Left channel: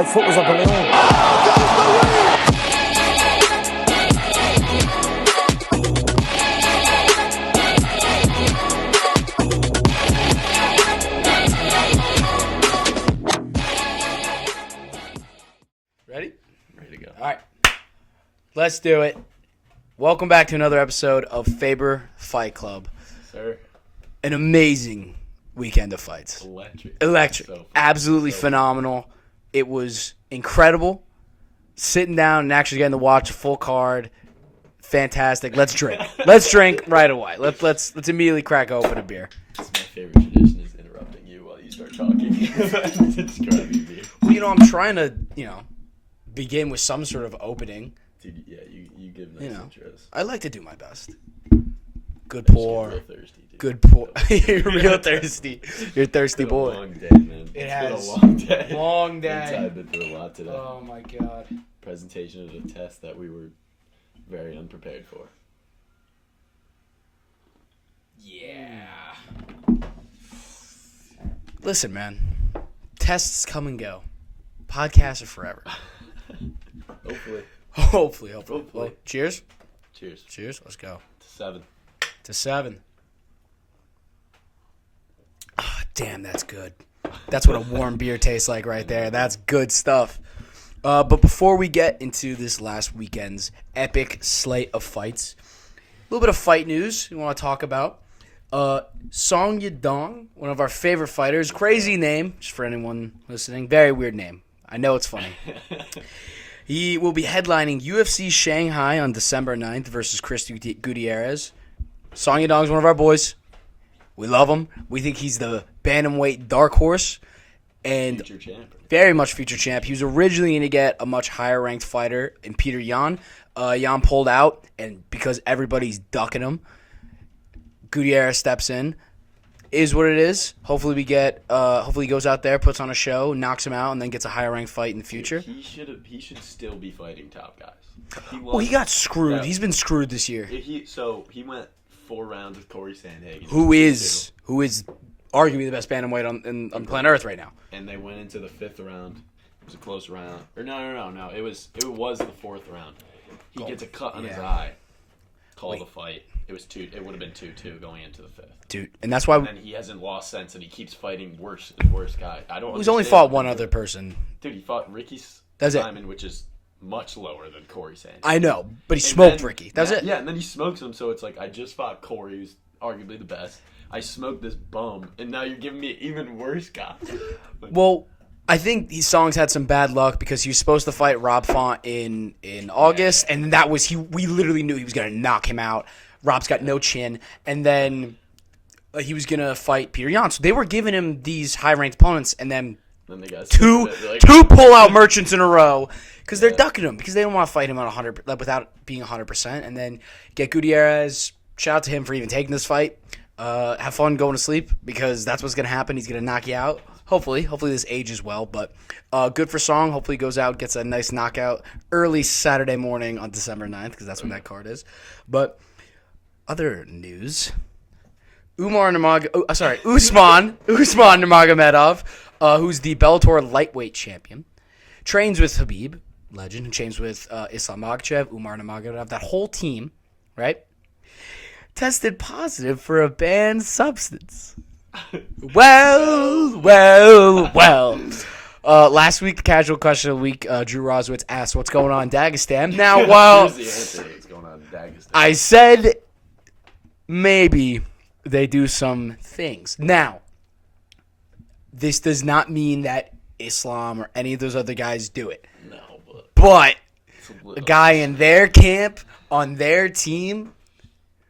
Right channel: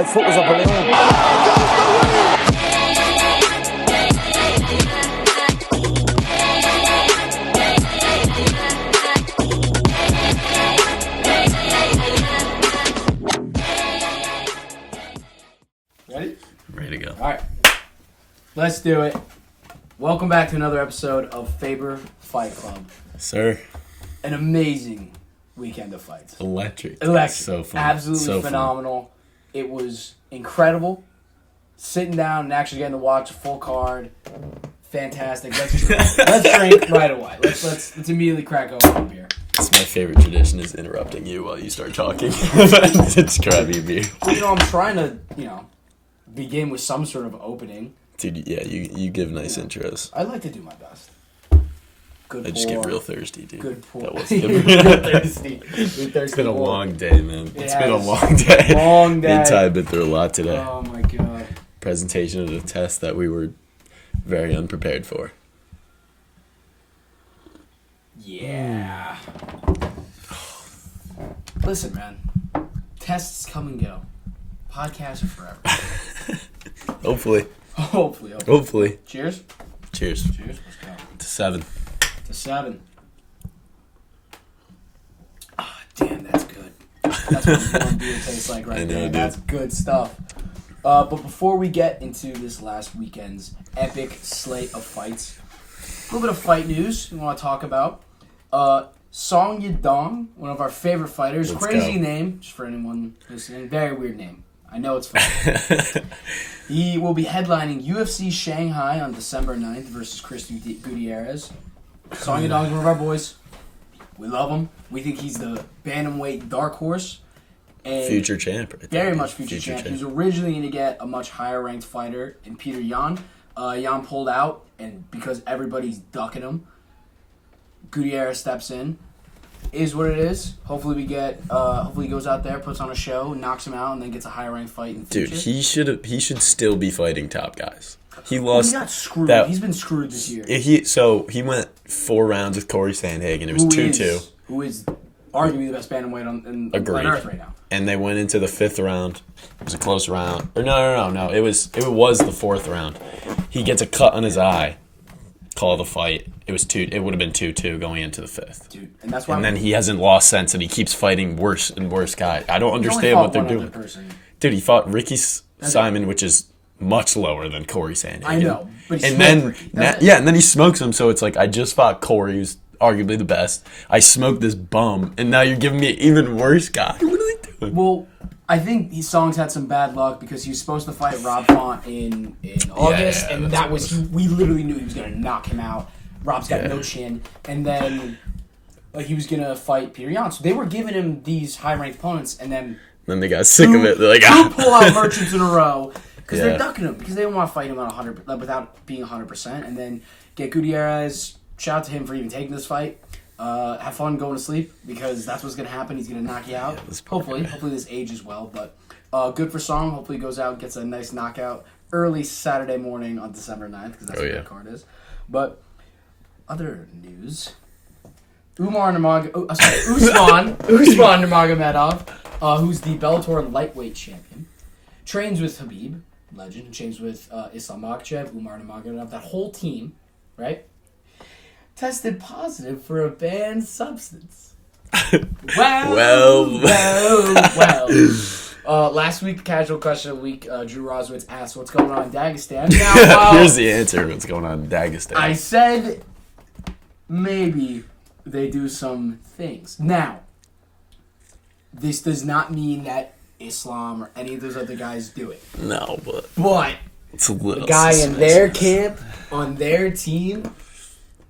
My foot was a balloon. Ready? Ready to go. All right. Let's do it. Welcome back to another episode of Faber Fight Club. Sir. An amazing weekend of fights. Electric. So fun. Absolutely phenomenal. Fun. It was incredible. Sitting down and actually getting to watch a full card. Fantastic. Let's drink. Let's drink right away. Let's immediately crack open a beer. It's my favorite tradition is interrupting you while you start talking. It's grabbing a beer. Well, I'm trying to, begin with some sort of opening. Dude, yeah, you give nice intros. I like to do my best. Good I just get real thirsty, dude. Good pour. You're thirsty. You're thirsty. It's been a long day, man. It's been a long day. Long day. Me and Ty have been through a lot today. Oh, my God. Presentation of a test that we were very unprepared for. Yeah. Listen, man. Tests come and go. Podcasts are forever. Hopefully. Hopefully. Cheers. Cheers. Let's go. To 7. To 7. Oh, damn, that's good. That's what a warm beer tastes like right there. Dude. That's good stuff. But before we get into this last weekend's epic slate of fights, a little bit of fight news we want to talk about. Song Yadong, one of our favorite fighters. Crazy name, just for anyone listening. Very weird name. I know it's fun. He will be headlining UFC Shanghai on December 9th versus Chris Gutierrez. Song Yadong's one of our boys. We love him. We think he's the bantamweight dark horse. And future champ. Right? Very much future champ. He was originally going to get a much higher ranked fighter in Peter Yan. Yan pulled out, and because everybody's ducking him, Gutierrez steps in. Is what it is. Hopefully hopefully he goes out there, puts on a show, knocks him out, and then gets a higher ranked fight in the future. Dude, he should still be fighing top guys. He got screwed. He's been screwed this year. He went 4 rounds with Corey Sandhagen. It was 2-2. Who is arguably the best bantamweight on planet Earth right now. And they went into the 5th round. It was a close round. Or no. It was the 4th round. He gets a cut on his eye. Call the fight. It would have been 2-2 going into the 5th. Dude, and that's why. And then he hasn't lost since, and he keeps fighting worse and worse guys. I don't understand. He's only fought what one other person. Dude, he fought Ricky Simon, which is much lower than Corey Sandhagen. I know, but he smoked Ricky. Yeah, and then he smokes him. So it's like I just fought Corey, who's arguably the best. I smoked this bum, and now you're giving me an even worse guy. What are they doing? Well, I think these songs had some bad luck because he was supposed to fight Rob Font in August, and that was we literally knew he was going to knock him out. Rob's got no chin, and then he was going to fight Peter Yan. So they were giving him these high-ranked opponents, and then they got sick of it. They're like, two pull-out merchants in a row because they're ducking him because they don't want to fight him at 100 without being 100%, and then get Gutierrez. Shout out to him for even taking this fight. Have fun going to sleep because that's what's going to happen. He's going to knock you out. Hopefully this ages well, but good for Song. Hopefully he goes out, gets a nice knockout early Saturday morning on December 9th because that's when that card is. But other news, Usman Nurmagomedov, who's the Bellator lightweight champion, trains with Habib, legend, who trains with Islam Makhachev, Umar Nurmagomedov, that whole team, right? Tested positive for a banned substance. Well. Last week, the casual question of the week, Drew Roswitz asked, "What's going on in Dagestan?" Now, here's the answer. What's going on in Dagestan? I said maybe they do some things. Now, this does not mean that Islam or any of those other guys do it. No, but it's a little the guy in their camp on their team,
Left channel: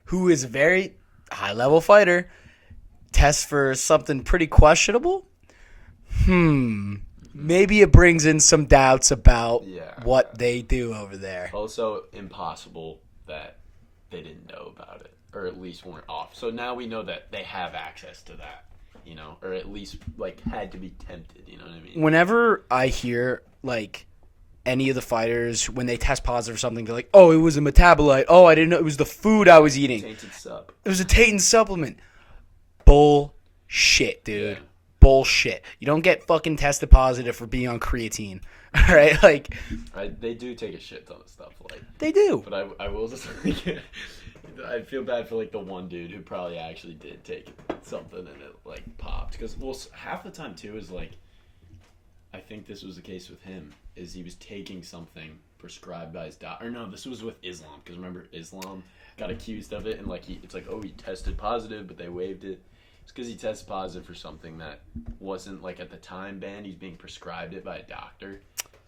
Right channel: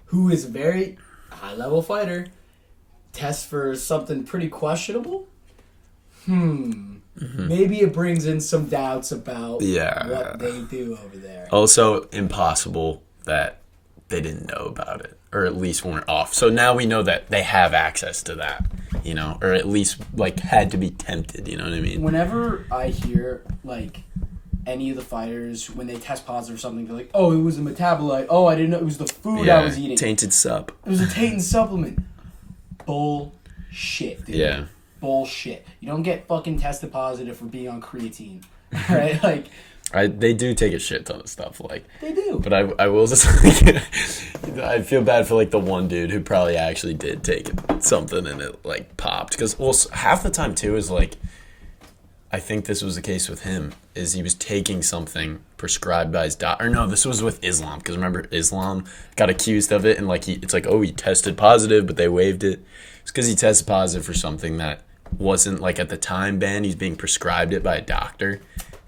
who is a very high-level fighter, tests for something pretty questionable. Maybe it brings in some doubts about what they do over there. Also, impossible that they didn't know about it, or at least weren't off. So now we know that they have access to that, or at least, had to be tempted, you know what I mean? Whenever I hear, any of the fighters, when they test positive for something, they're like, oh, it was a metabolite. Oh, I didn't know it was the food I was eating. Tainted sup. It was a tainted supplement. Bullshit, dude. Yeah. Bullshit. You don't get fucking tested positive for being on creatine. All right, like They do take a shit ton of stuff, like. they do. But I will just like, I feel bad for like the one dude who probably actually did take something and it like popped, because half the time too is like, I think this was the case with him, is he was taking something prescribed by his doctor. Or no, this was with Islam, because remember Islam got accused of it, and like it's like, oh, he tested positive, but they waived it. It's because he tested positive for something that wasn't like at the time banned. He's being prescribed it by a doctor,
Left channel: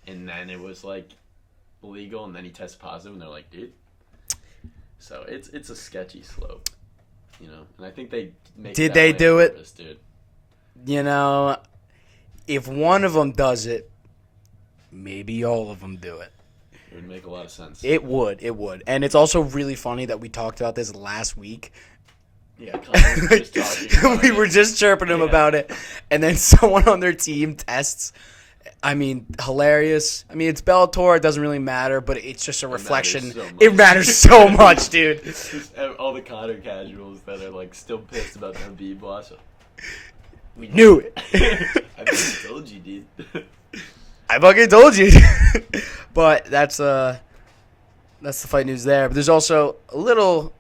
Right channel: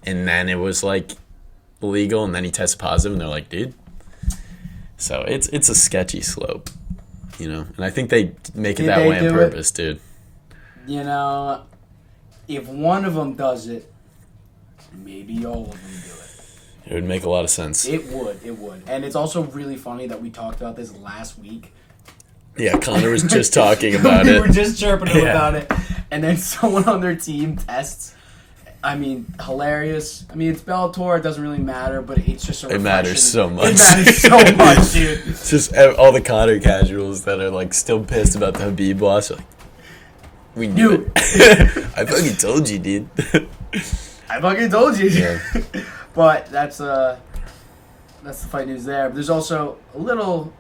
and then it was like illegal, and then he tested positive, and they're like, dude. So it's a sketchy slope, you know. And I think they make it that way on purpose, dude. You know, if one of them does it, maybe all of them do it. It would make a lot of sense. It would. And it's also really funny that we talked about this last week. Yeah, Connor was just talking about it. We were just chirping him about it. And then someone on their team tests. I mean, hilarious. I mean, it's Bellator. It doesn't really matter, but it's just a reflection. It matters so much. It matters so much, dude. It's just all the Connor casuals that are, like, still pissed about the Habib loss. Like, we knew it. I fucking told you, dude. I fucking told you. But that's the fight news there. But there's also a little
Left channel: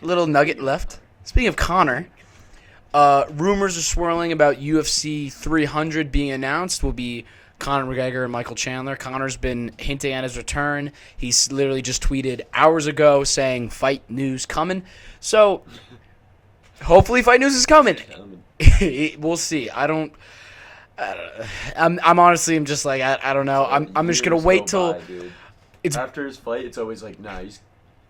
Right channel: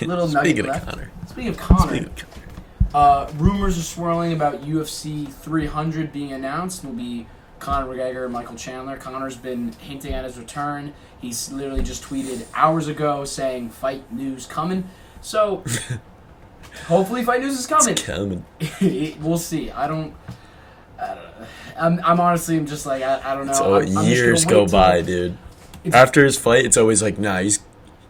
nugget left. Speaking of Connor, rumors are swirling about UFC 300 being announced. Will be Conor McGregor and Michael Chandler. Conor's been hinting at his return. He's literally just tweeted hours ago saying fight news coming. So hopefully fight news is coming. It's coming. We'll see. I'm honestly, I'm just like, I don't know. I'm just going to wait go by, dude. After his fight, it's always like, nah, he's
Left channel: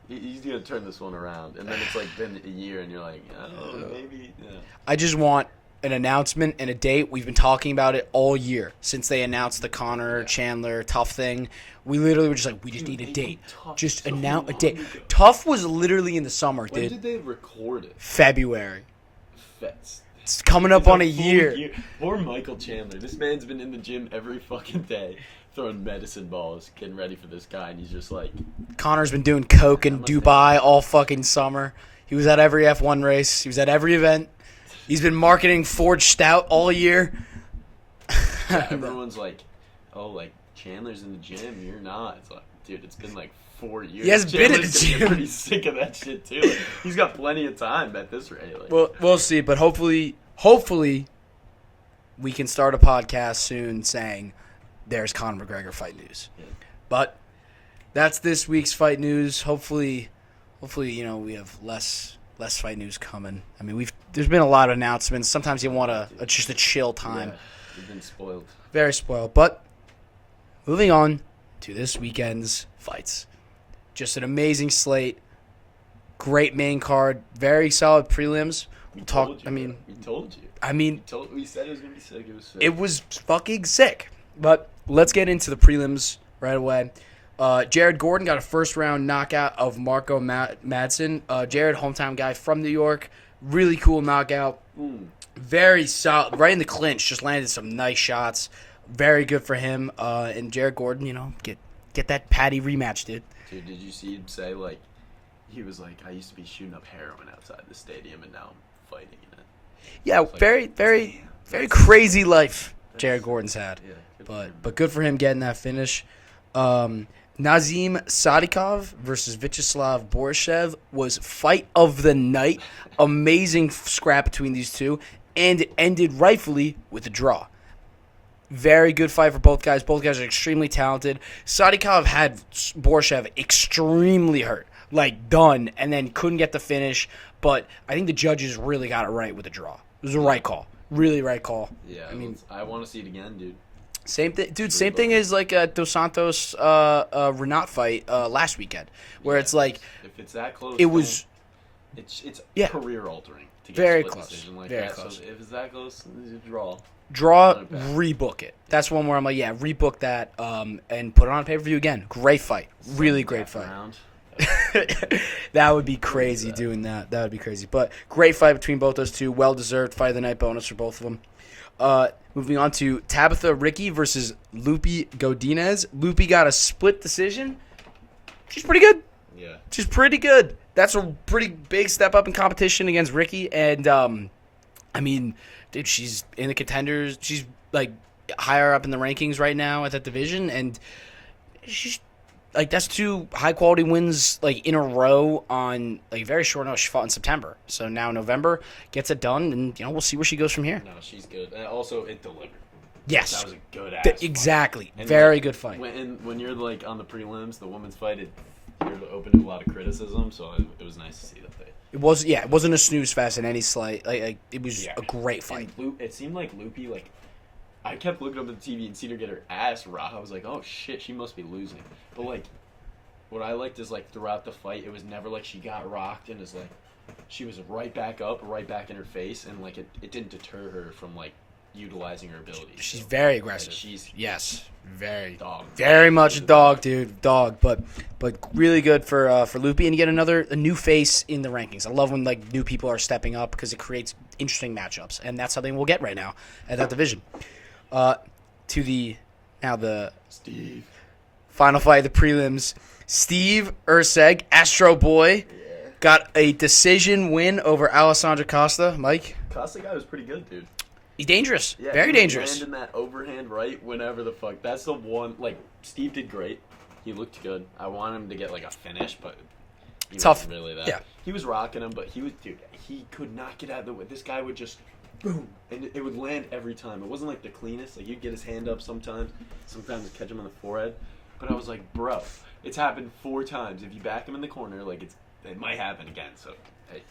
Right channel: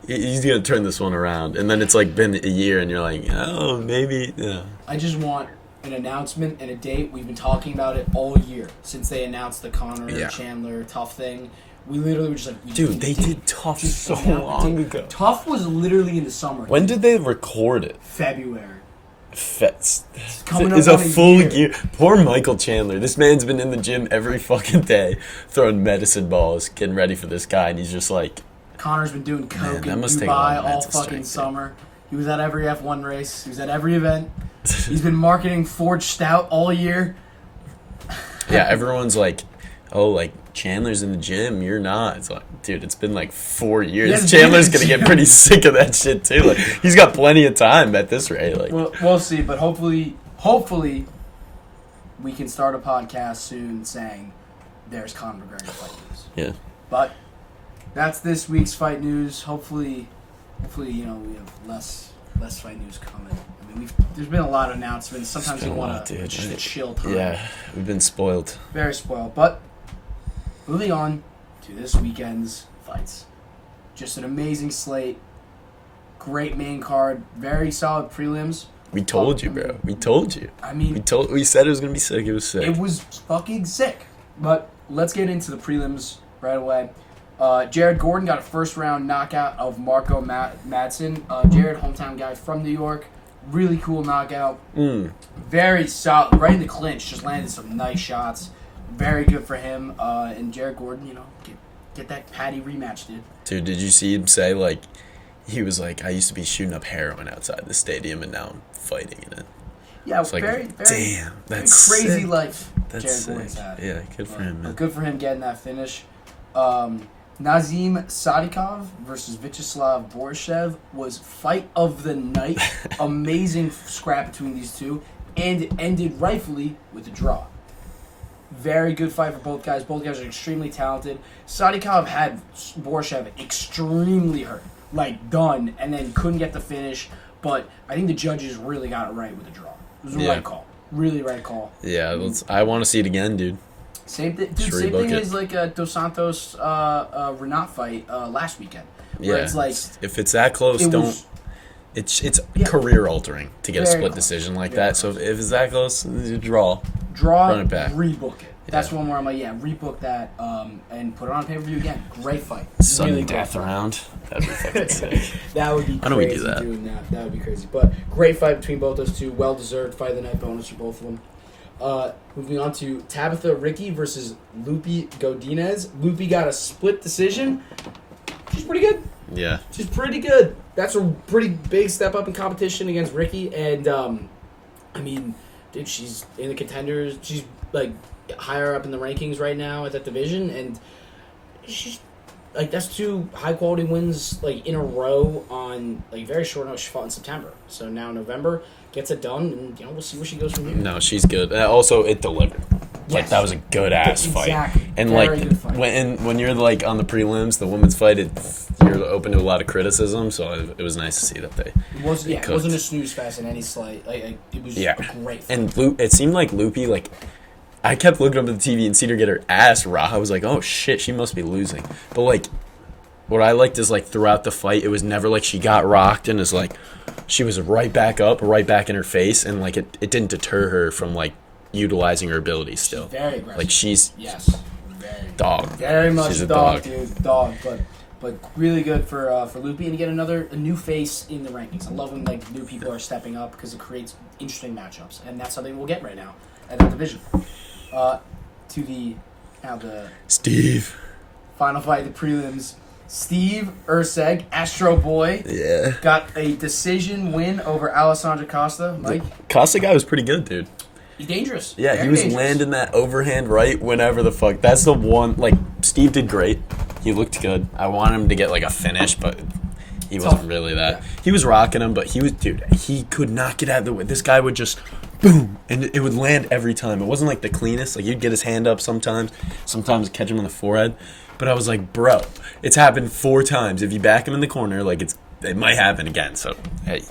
going to turn this one around. And then it's like been a year and you're like, oh, maybe. Yeah. I just want an announcement and a date. We've been talking about it all year since they announced the Conor Chandler Tough thing. We literally were just like, they did Tough just so long ago. Tough was literally in the summer. When did they record it? February. It's coming up on a year. Poor Michael Chandler. This man's been in the gym every fucking day, throwing medicine balls, getting ready for this guy, and he's just like... Connor's been doing coke in Dubai all fucking summer. He was at every F1 race. He was at every event. He's been marketing Forged Stout all year. Yeah, everyone's like, oh, like, Chandler's in the gym, you're not. It's like, dude, it's been like 4 years. Chandler's gonna get pretty sick of that shit too. Like, he's got plenty of time at this rate. Like, we'll see, but hopefully we can start a podcast soon saying there's Conor McGregor fight news. Yeah. But that's this week's fight news. Hopefully, we have less fight news coming. I mean, there's been a lot of announcements. Sometimes you want just a chill time. Yeah, we've been spoiled. Very spoiled. But moving on to this weekend's fights. Just an amazing slate. Great main card. Very solid prelims. We told you, bro. We told you. I mean, we said it was going to be sick. It was sick. It was fucking sick. But let's get into the prelims right away. Jared Gordon got a first-round knockout of Marco Madsen. Jared, hometown guy from New York. Really cool knockout. Very solid. Right in the clinch. Just landed some nice shots. Very good for him. And Jared Gordon, get that Patty rematch, dude. Dude, did you see him say, like, he was like, I used to be shooting up heroin outside the stadium, and now I'm fighting in it. Yeah, like, very crazy sick. Life That's Jared sick. Gordon's had. Yeah, good for him, man. But good for him getting that finish. Nazim Sadikov versus Vyacheslav Borishev was fight of the night. Amazing scrap between these two, and ended rightfully with a draw. Very good fight for both guys. Both guys are extremely talented. Sadikov had Borishev extremely hurt, like done, and then couldn't get the finish. But I think the judges really got it right with the draw. It was a right call. Really right call. Yeah, I want to see it again, dude. Same thing, dude. Same thing as like a Dos Santos Renat fight last weekend, where it's like if it's that close, it's career altering to get a split decision like that. Close. So if it's that close, draw, rebook it. That's one where I'm like, rebook that, and put it on pay per view again. Great fight, really great fight. Round. That would be crazy doing that. That would be crazy. But great fight between both those two. Well deserved fight of the night bonus for both of them. Moving on to Tabitha Ricci versus Lupi Godinez. Lupi got a split decision. She's pretty good. Yeah. She's pretty good. That's a pretty big step up in competition against Ricci. And, I mean, dude, she's in the contenders. She's, like, higher up in the rankings right now at that division, and she's like that's 2 high quality wins like in a row on like very short notice. She fought in September, so now November gets it done, and we'll see where she goes from here. No, she's good. Also, it delivered. Yes, that was a good ass fight. Exactly, and very good fight. When you're like on the prelims, the women's fight, you're open to a lot of criticism. So it was nice to see that they. It wasn't a snooze fest in any slight. Like it was a great fight. And it seemed like Loopy like. I kept looking up at the TV and seen her get her ass rocked. I was like, oh shit, she must be losing. But like, what I liked is like throughout the fight, it was never like she got rocked and is like, she was right back up, right back in her face, and like it didn't deter her from like utilizing her abilities still. She's very aggressive. Like she's very dog. Very much dog, dude. Dog, but really good for Loopy, and you get a new face in the rankings. I love when like new people are stepping up because it creates interesting matchups, and that's something we'll get right now at that division. To the Steve final fight of the prelims. Steve Erceg, Astro Boy, got a decision win over Alessandro Costa. Mike, Costa guy was pretty good, dude. He's dangerous. Yeah, very he was dangerous. landing that overhand right whenever the fuck. That's the one. Like Steve did great. He looked good. I want him to get like a finish, but he wasn't really that. Yeah. He was rocking him, but he could not get out of the way. This guy would just boom, and it would land every time. It wasn't like the cleanest. Like you'd get his hand up sometimes catch him on the forehead. But I was like, bro, it's happened 4 times. If you back him in the corner, like it might happen again. So hey,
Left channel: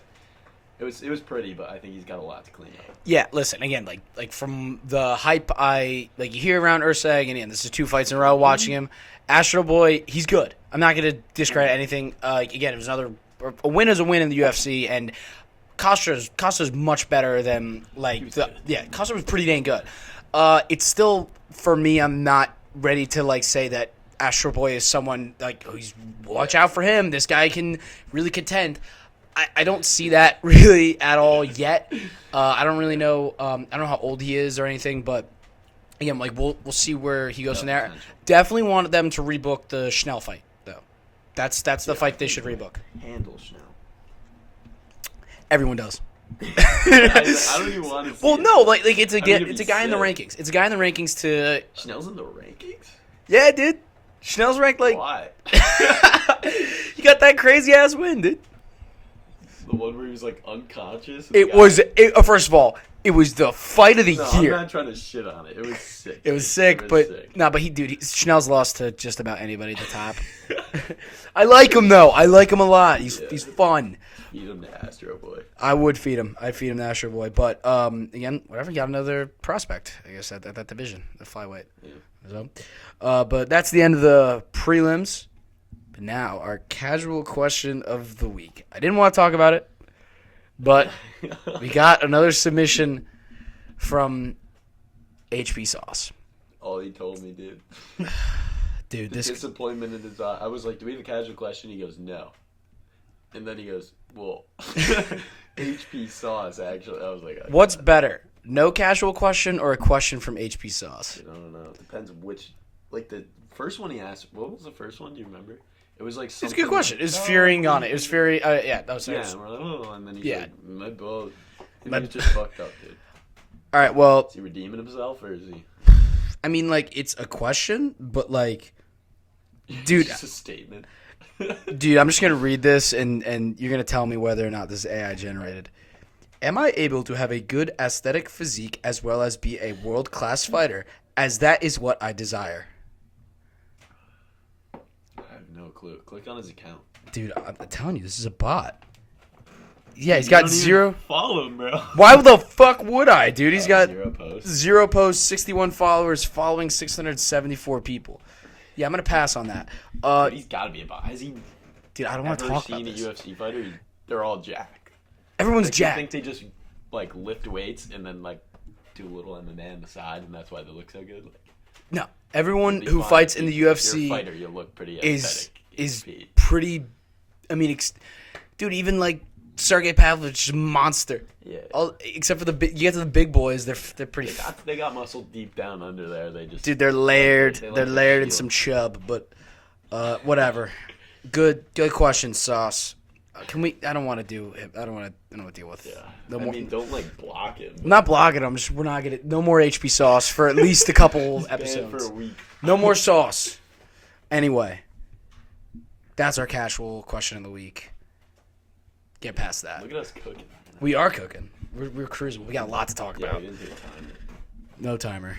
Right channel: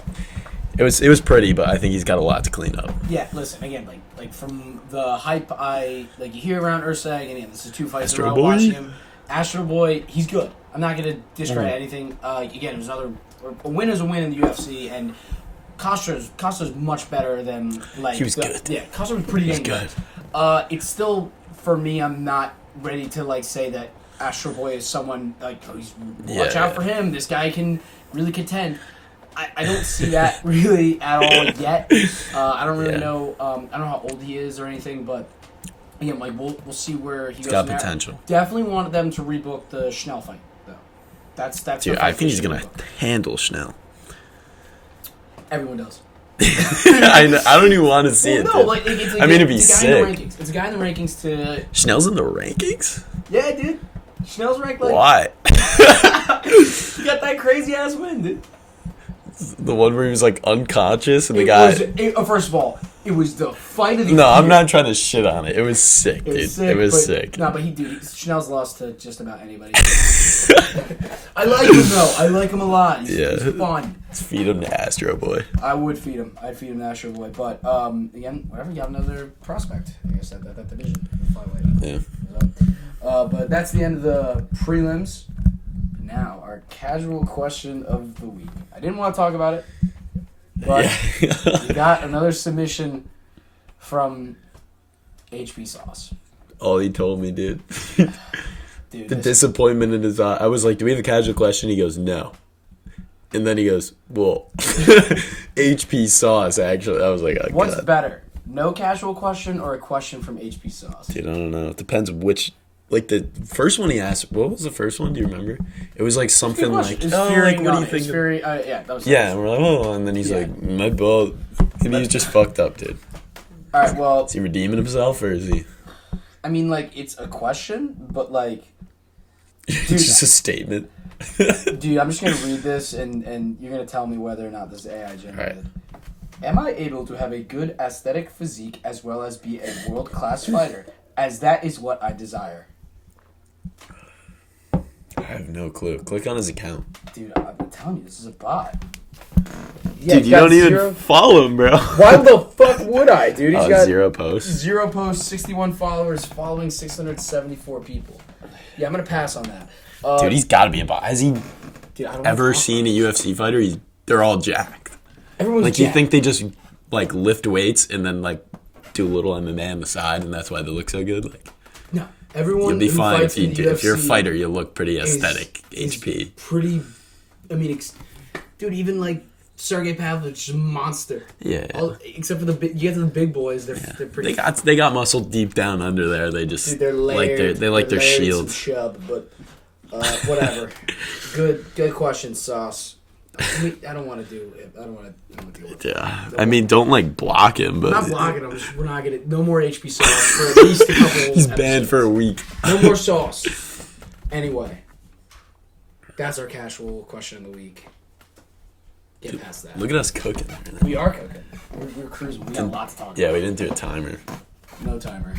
it was pretty, but I think he's got a lot to clean up. Yeah, listen again, like from the hype you hear around Erceg, and again, this is 2 fights in a row watching him. Astro Boy, he's good. I'm not gonna discredit anything. Again, it was a win is a win in the UFC, and Costa's much better than like he was good. Yeah, Costa was pretty dang good. It's still for me. I'm not ready to like say that Astro Boy is someone like watch out for him. This guy can really contend. I don't see that really at all yet. I don't really know. I don't know how old he is or anything, but again, like we'll see where he goes in there. Potential. Definitely wanted them to rebook the Schnell fight though. That's the fight. I think he's gonna handle Schnell. Everyone does. I don't even want to see it. Well, no, like it's a guy in the rankings. It's a guy in the rankings to. Schnell's in the rankings? Yeah, dude. Schnell's ranked like. Why? He got that crazy ass win, dude. The one where he was like unconscious and first of all, it was the fight of the year. No, I'm not trying to shit on it. It was sick. It was sick. No, but Schnell's lost to just about anybody. I like him though. I like him a lot. He's fun. Let's feed him to Astro Boy. I would feed him. I'd feed him to Astro Boy. But again, whatever. Got another prospect. I guess at that division, the flyweight. Yeah. But that's the end of the prelims. Now, our casual question of the week. I didn't want to talk about it, but we got another submission from HP.sauce. All he told me, dude. Dude, the disappointment in his eye. I was like, do we have a casual question? He goes, no. And then he goes, well, HP.sauce, actually. I was like, oh, what's God. better? No casual question or a question from HP.sauce? Dude, I don't know. It depends which... Like, the first one he asked... What was the first one? Do you remember? It was like something good question. like... It was Fury on it. It was Fury... yeah, that was... Yeah, and we're like, oh, and then he's like, my ball... And he's just fucked up, dude. All right, well... Is he redeeming himself, or is he... I mean, like, it's a question, but, like... Dude, it's just a statement. Dude, I'm just going to read this, and you're going to tell me whether or not this is AI generated. Right. Am I able to have a good aesthetic physique as well as be a world-class fighter, as that is what I desire? I have no clue. Click on his account. Dude, I'm telling you, this is a bot. Yeah, dude, you don't even follow him, bro. Why the fuck would I, dude? He's got 0 posts. 0 posts, 61 followers, following 674 people. Yeah, I'm going to pass on that. Dude, he's got to be a bot. Has he ever seen a UFC fighter? They're all jacked. Everyone's jacked. jacked. You think they just, like, lift weights and then, like, do a little MMA on the side, and that's why they look so good? Like, no. Everyone who fights in the UFC... If you're a fighter, you look pretty aesthetic. HP. Pretty... I mean, dude, even, like, Sergey Pavlovich is a monster. Yeah. Except for you get to the big boys, they're pretty... They got muscle deep down under there. They just... Dude, they're layered. They like their shield. Some chub, but whatever. Good question, Sauce. I don't want to do it. I don't want to deal with it. Yeah. No I more. mean, don't like block him, but Not blocking him. We're not gonna. No more HP.sauce for at least a couple. he's episodes. banned for a week. No more sauce. Anyway, that's our casual question of the week. Get past that. Look at us cooking. We are cooking. We're cruising. We got a lot to talk about. Yeah, we didn't do a timer. No timer.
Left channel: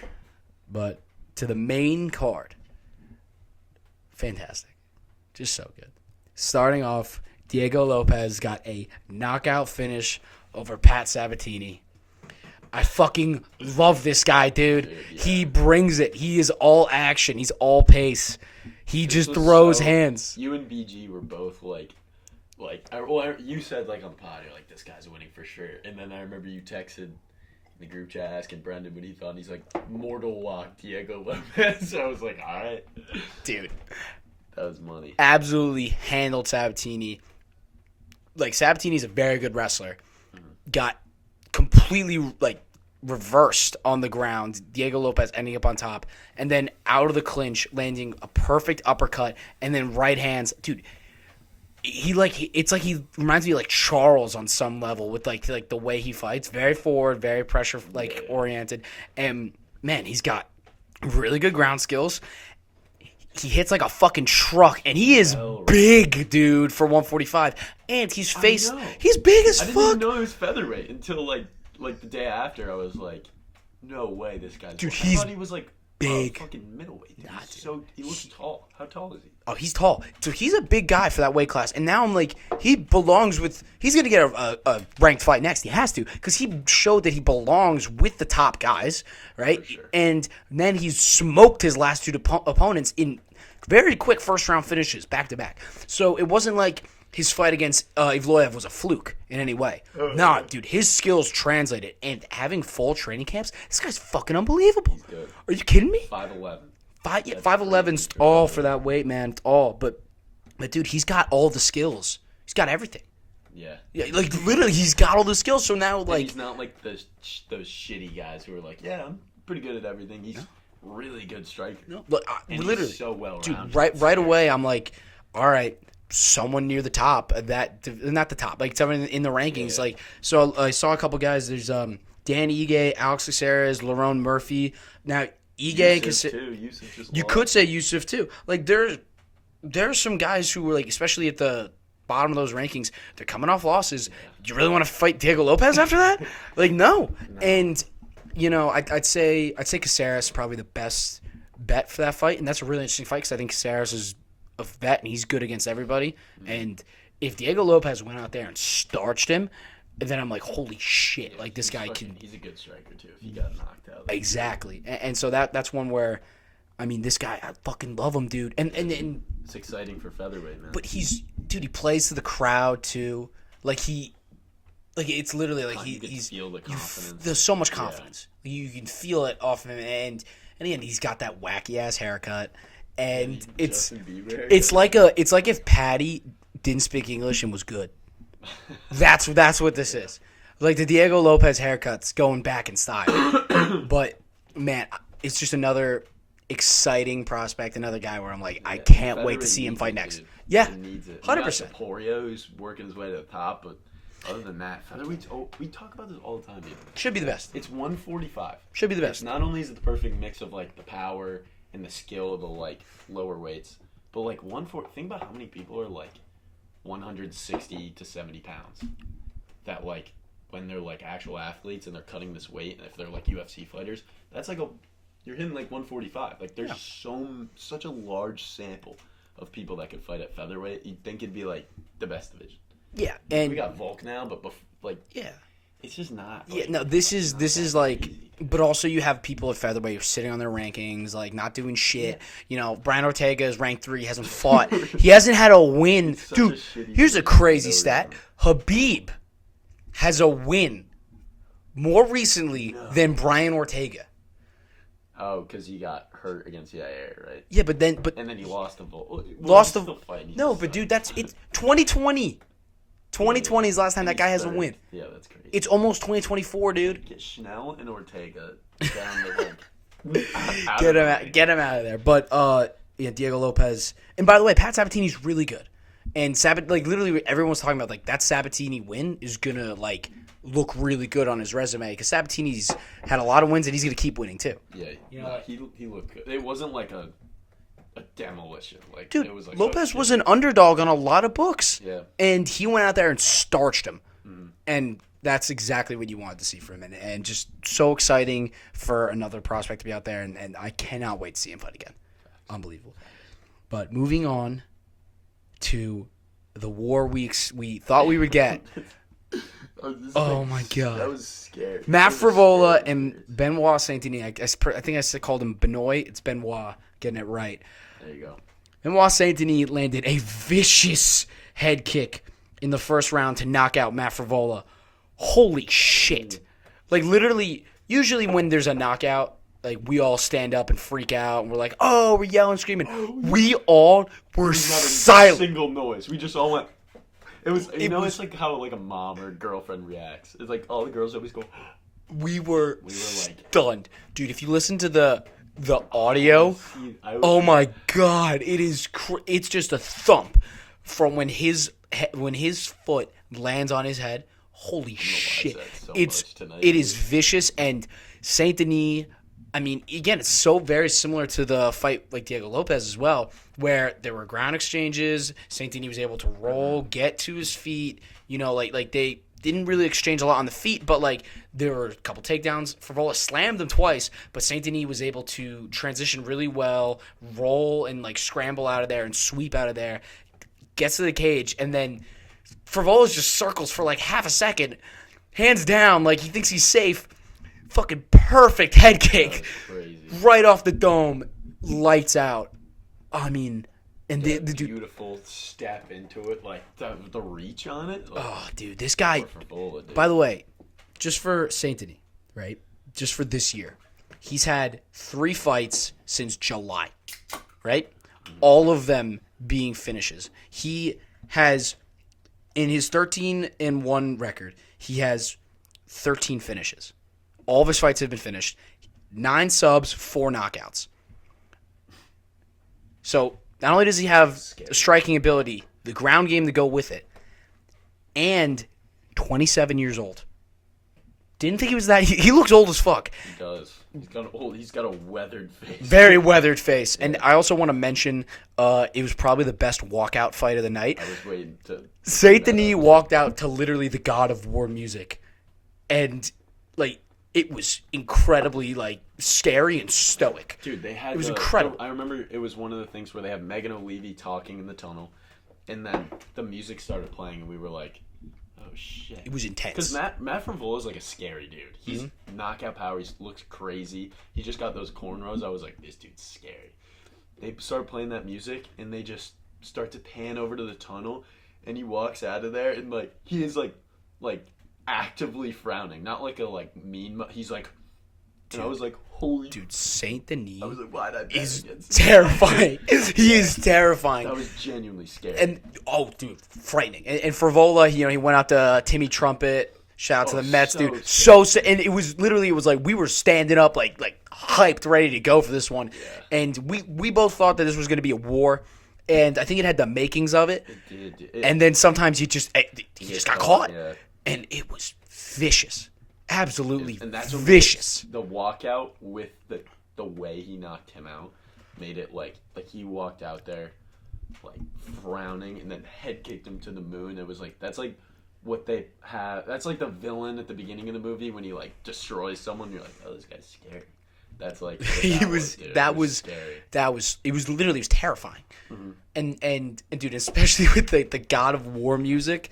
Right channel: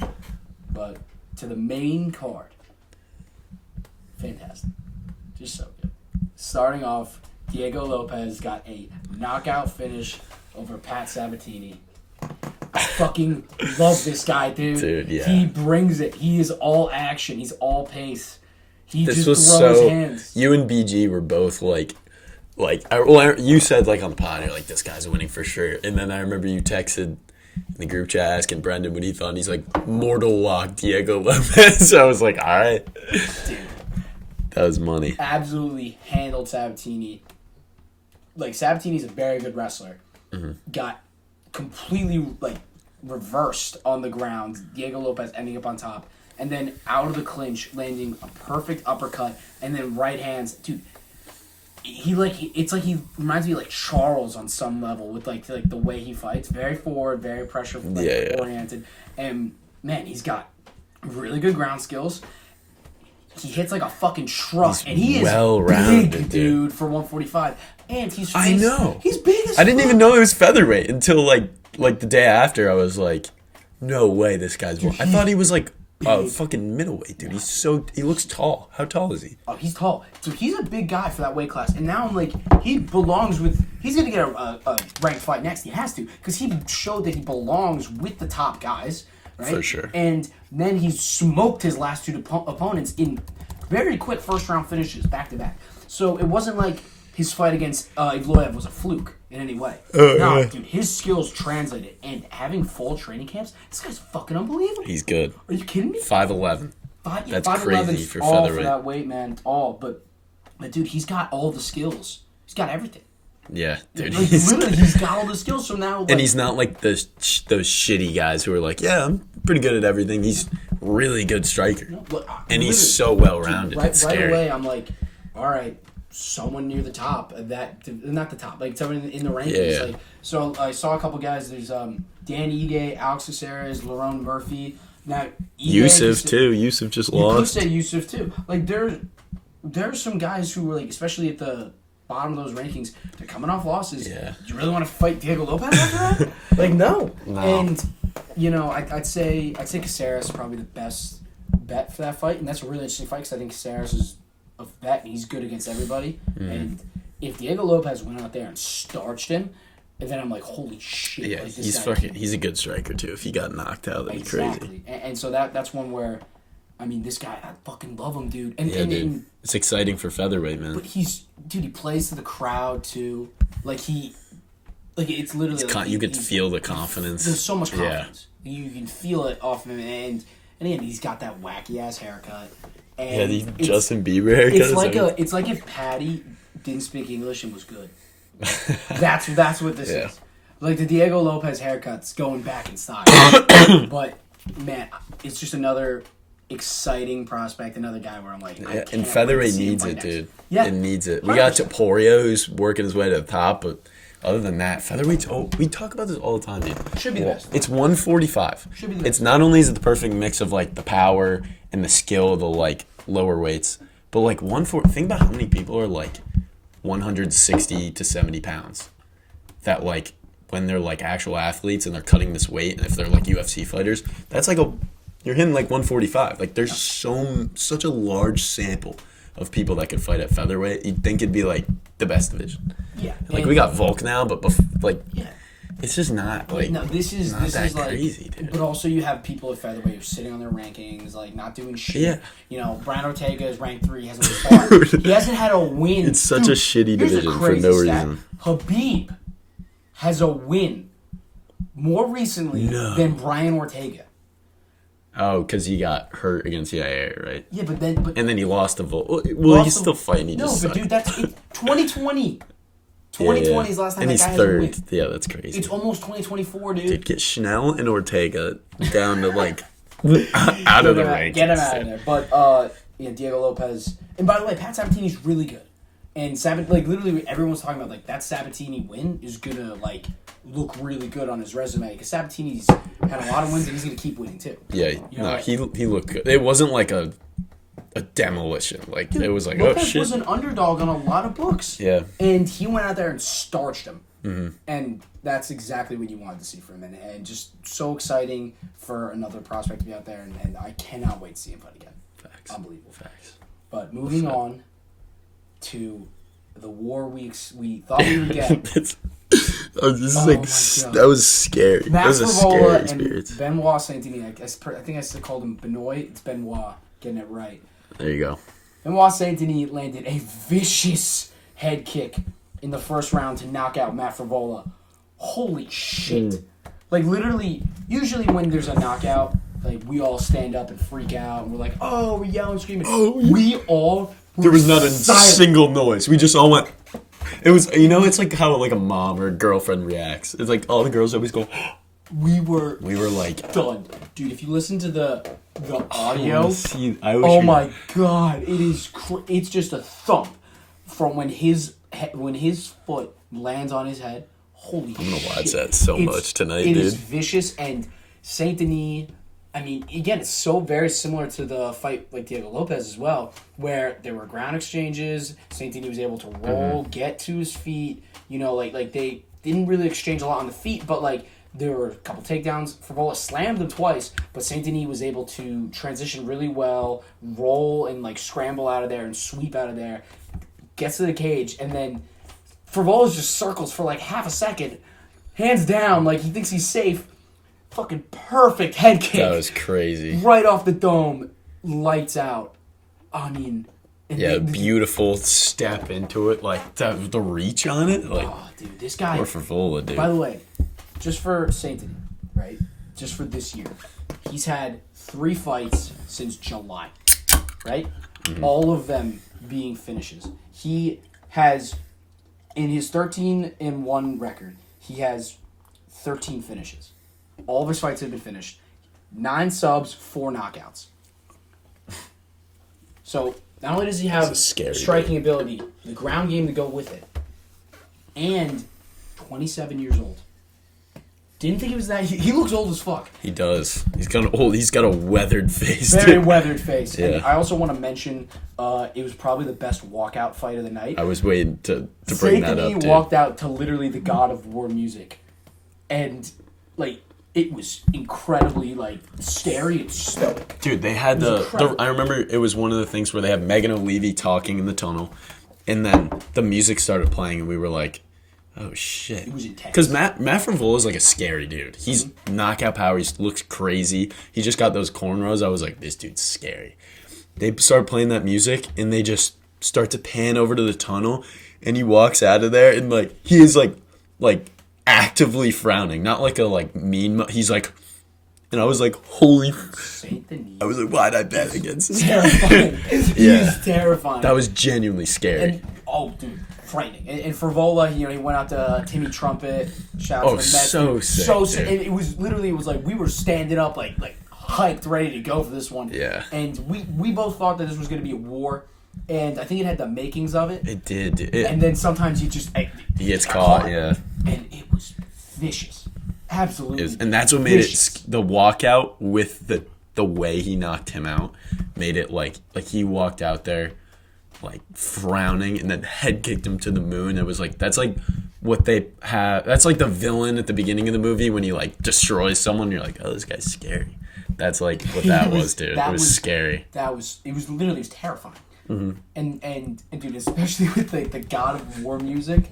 But to the main card. Fantastic. Just so good. Starting off, Diego Lopez got a knockout finish over Pat Sabatini. I fucking love this guy, dude. Dude, yeah. He brings it. He is all action. He's all pace. He This just was throws so- hands. You and BG were both you said like on the pod, you're like, this guy's winning for sure. And then I remember you texted in the group chat asking Brendan what he thought. And he's like, mortal lock Diego Lopez. So I was like, all right. Dude. That was money. Absolutely handled Sabatini. Like, Sabatini's a very good wrestler. Mm-hmm. Got completely, like, reversed on the ground. Diego Lopez ending up on top. And then out of the clinch, landing a perfect uppercut. And then right hands. Dude, it's like he reminds me of, like, Charles on some level with, like the way he fights. Very forward, very pressure, oriented. And, man, he's got really good ground skills. He hits like a fucking truck, and he is big, dude, for 145. And he's big as fuck. I didn't even know it was featherweight until like the day after. I was like, no way, this guy's. I thought he was like a fucking middleweight, dude. He looks tall. How tall is he? Oh, he's tall. So he's a big guy for that weight class. And now I'm like, he's going to get a ranked fight next. He has to, because he showed that he belongs with the top guys. Right? For sure. And then he's smoked his last two opponents in very quick first-round finishes, back-to-back. So it wasn't like his fight against Evloev was a fluke in any way. No, dude, his skills translated. And having full training camps, this guy's fucking unbelievable. He's good. Are you kidding me? 5'11". 5'11's for all featherweight. for that weight, man. All. But, dude, he's got all the skills. He's got everything. Yeah, dude. Like, literally, he's got all the skills. So now, like, and he's not like those shitty guys who are like, yeah, I'm pretty good at everything. He's really good striker, and he's so well rounded. Right away, I'm like, all right, someone near the top. Not the top, like someone in the rankings. Yeah. Like, so I saw a couple guys. There's Dan Ige, Alex Caceres, Lerone Murphy. Now Ige, Yusuf too. Yusuf just lost. You could say Yusuf too. Like there's some guys who were like, especially at the bottom of those rankings, they're coming off losses. Yeah. You really want to fight Diego Lopez after that? Like, no. And I'd say Caceres is probably the best bet for that fight, and that's a really interesting fight because I think Caceres is a vet and he's good against everybody. And if Diego Lopez went out there and starched him, then I'm like, holy shit! Yeah, like this guy. He's a good striker too. If he got knocked out, that'd be Exactly. crazy. And so that's one where, I mean, this guy, I fucking love him, dude. And it's exciting for featherweight, man. but he plays to the crowd too. It's literally you can feel the confidence. There's so much confidence. Yeah. You can feel it off him, and again, he's got that wacky ass haircut. And the Justin Bieber haircut. It's like if Patty didn't speak English and was good. That's what this is. Like the Diego Lopez haircut's going back in style. But man, it's just another exciting prospect, another guy where I'm like, I can't wait to see him fight next. Dude. Yeah, it needs it. 100%. We got Topuria, who's working his way to the top, but other than that, featherweight's. We talk about this all the time, dude. Should be the best. It's 145. Should be the best. It's not only is it the perfect mix of like the power and the skill of the like lower weights, but like 140. Think about how many people are like 160 to 70 pounds. That like when they're like actual athletes and they're cutting this weight, and if they're like UFC fighters, that's like you're hitting like 145. Like there's such a large sample of people that could fight at featherweight. You'd think it'd be like the best division. Yeah, like we got Volk now, but it's just not. Like, no, this is like, crazy, but also you have people at featherweight who are sitting on their rankings, like not doing shit. Yeah. You know, Brian Ortega is ranked 3, hasn't fought. He hasn't had a win. It's such a shitty Here's a division crazy for no stat: reason. Habib has a win more recently than Brian Ortega. Oh, because he got hurt against CIA, right? Yeah, but then and then he lost to Volk. Well, he's still fighting. Dude, that's 2020. 2020 is the last time that guy has a win. Yeah, that's crazy. It's almost 2024, dude. Dude, get Schnell and Ortega down to like out of the rankings. Get him out of there. But Diego Lopez, and by the way, Pat Sabatini's really good. And literally everyone was talking about like that Sabatini win is gonna like look really good on his resume because Sabatini's had a lot of wins and he's gonna keep winning too. Yeah, he looked good. It wasn't like a demolition. Like Dude, it was like Lopez was an underdog on a lot of books. Yeah, and he went out there and starched him, and that's exactly what you wanted to see from him. And just so exciting for another prospect to be out there, and I cannot wait to see him fight again. Facts. Unbelievable. Facts. But moving on to the war we thought we would get. This is my God. That was scary. Matt Frivola and Benoit Saint-Denis. I think I called him Benoit. It's Benoit. Getting it right. There you go. Benoit Saint-Denis landed a vicious head kick in the first round to knock out Matt Frivola. Holy shit. Like, literally, usually when there's a knockout, like, we all stand up and freak out. And we're like, oh, we're yelling, screaming. We all were There was not a silent. single noise. We just all went... It was, it's like how like a mom or a girlfriend reacts. It's like all the girls always go... We were like... stunned. Dude, if you listen to the audio, oh my God, it's just a thump from when his foot lands on his head. Holy shit. I'm going to watch that so much tonight, It dude. is vicious, and Saint Denis, I mean, again, it's so very similar to the fight like Diego Lopez as well, where there were ground exchanges. Saint Denis was able to roll, get to his feet. Like they didn't really exchange a lot on the feet, but like there were a couple takedowns. Frivola slammed them twice, but Saint Denis was able to transition really well, roll and like scramble out of there and sweep out of there, gets to the cage, and then Frivola just circles for like half a second, hands down, like he thinks he's safe. Fucking perfect head kick. That was crazy. Right off the dome, lights out. I mean, and beautiful step into it, like the reach on it. Like, oh, dude, this guy. Poor Frivola, dude. By the way, just for Saint Denis, right? Just for this year, he's had 3 fights since July, right? All of them being finishes. He has, in his 13-1 record, he has 13 finishes. All of his fights have been finished. 9 subs, 4 knockouts. So not only does he have the striking ability, the ground game to go with it, and 27 years old. Didn't think he was that. He looks old as fuck. He does. He's got a weathered face. Very weathered face. Yeah. And I also want to mention, it was probably the best walkout fight of the night. I was waiting to Saint Denis walked out to literally the God of War music, and like it was incredibly like scary and stoic. Dude, they had I remember it was one of the things where they had Megan O'Leary talking in the tunnel, and then the music started playing, and we were like, oh shit. It was intense. Because Matt Frivola is like a scary dude. He's knockout power. He looks crazy. He just got those cornrows. I was like, this dude's scary. They start playing that music, and they just start to pan over to the tunnel, and he walks out of there, and like he is like actively frowning, not like a like mean. He's like, and I was like, holy Saint Denis. I was like, why'd I bet against him? Terrifying. He is terrifying. That was genuinely scary. And dude, frightening. And Frivola, he went out to Timmy Trumpet. Shout out to the Mets, dude. So sick. And it was like we were standing up, like hyped, ready to go for this one. Yeah. And we both thought that this was going to be a war, and I think it had the makings of it. It did. And then sometimes he just gets got caught. Yeah. And it was vicious. Absolutely. And that's what made it, the walkout with the way he knocked him out made it like he walked out there like frowning and then head kicked him to the moon. It was like that's like what they have. That's like the villain at the beginning of the movie when he like destroys someone. You're like, oh, this guy's scary. That's like what that was, dude. It was scary. It was terrifying. Mm-hmm. And dude, especially with the God of War music,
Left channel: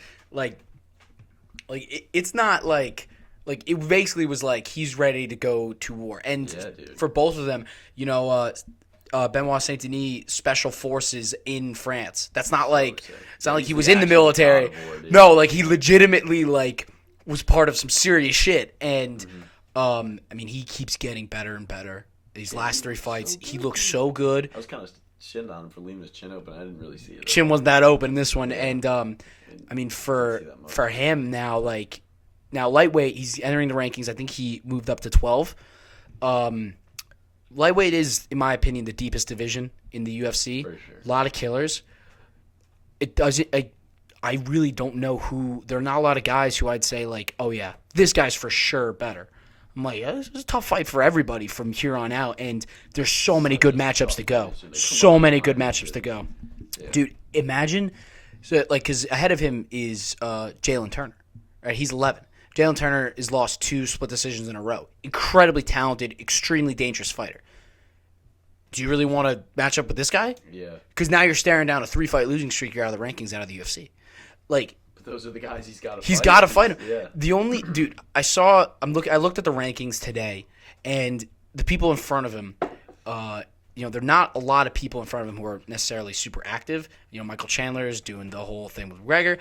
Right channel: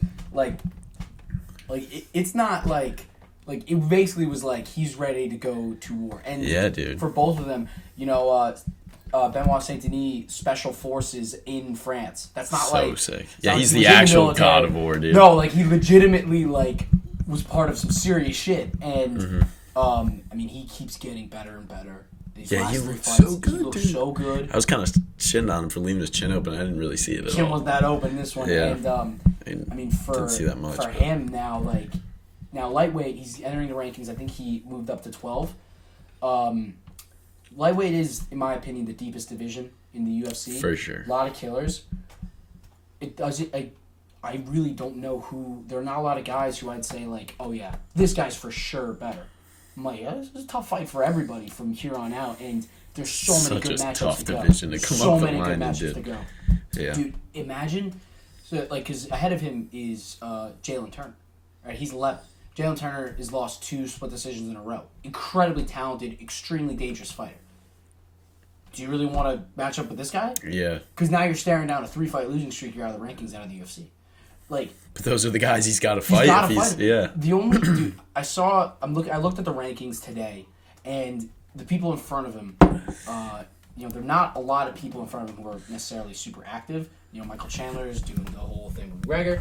it's not like it basically was like he's ready to go to war. And yeah, dude. For both of them, Benoit Saint-Denis Special Forces in France. That's not sick. It's not he's like he was the in the actual military. God of War, dude. No, like he legitimately was part of some serious shit. And I mean, he keeps getting better and better. These last 3 fights, he looks so good. I was kind of shitting on him for leaving his chin open. I didn't really see it. Chin wasn't that open in this one, Yeah. And I mean for much, him now, now lightweight, he's entering the rankings. I think he moved up to 12. Lightweight is, in my opinion, the deepest division in the UFC. For sure. A lot of killers. it doesn't. I really don't know who. There are not a lot of guys who I'd say like, oh yeah, this guy's for sure better. I'm like, yeah, this is a tough fight for everybody from here on out, and there's so many good matchups to go. So many good matchups to go. Yeah. Dude, imagine, because ahead of him is Jalen Turner, right? He's 11. Jalen Turner has lost 2 split decisions in a row. Incredibly talented, extremely dangerous fighter. Do you really want to match up with this guy? Yeah. Because now you're staring down a 3-fight losing streak. You're out of the rankings, out of the UFC. Like, but those are the guys he's got to fight. He's got to fight. Yeah. The only dude I looked at the rankings today, and the people in front of him, there are not a lot of people in front of him who are necessarily super active. Michael Chandler is doing the whole thing with McGregor.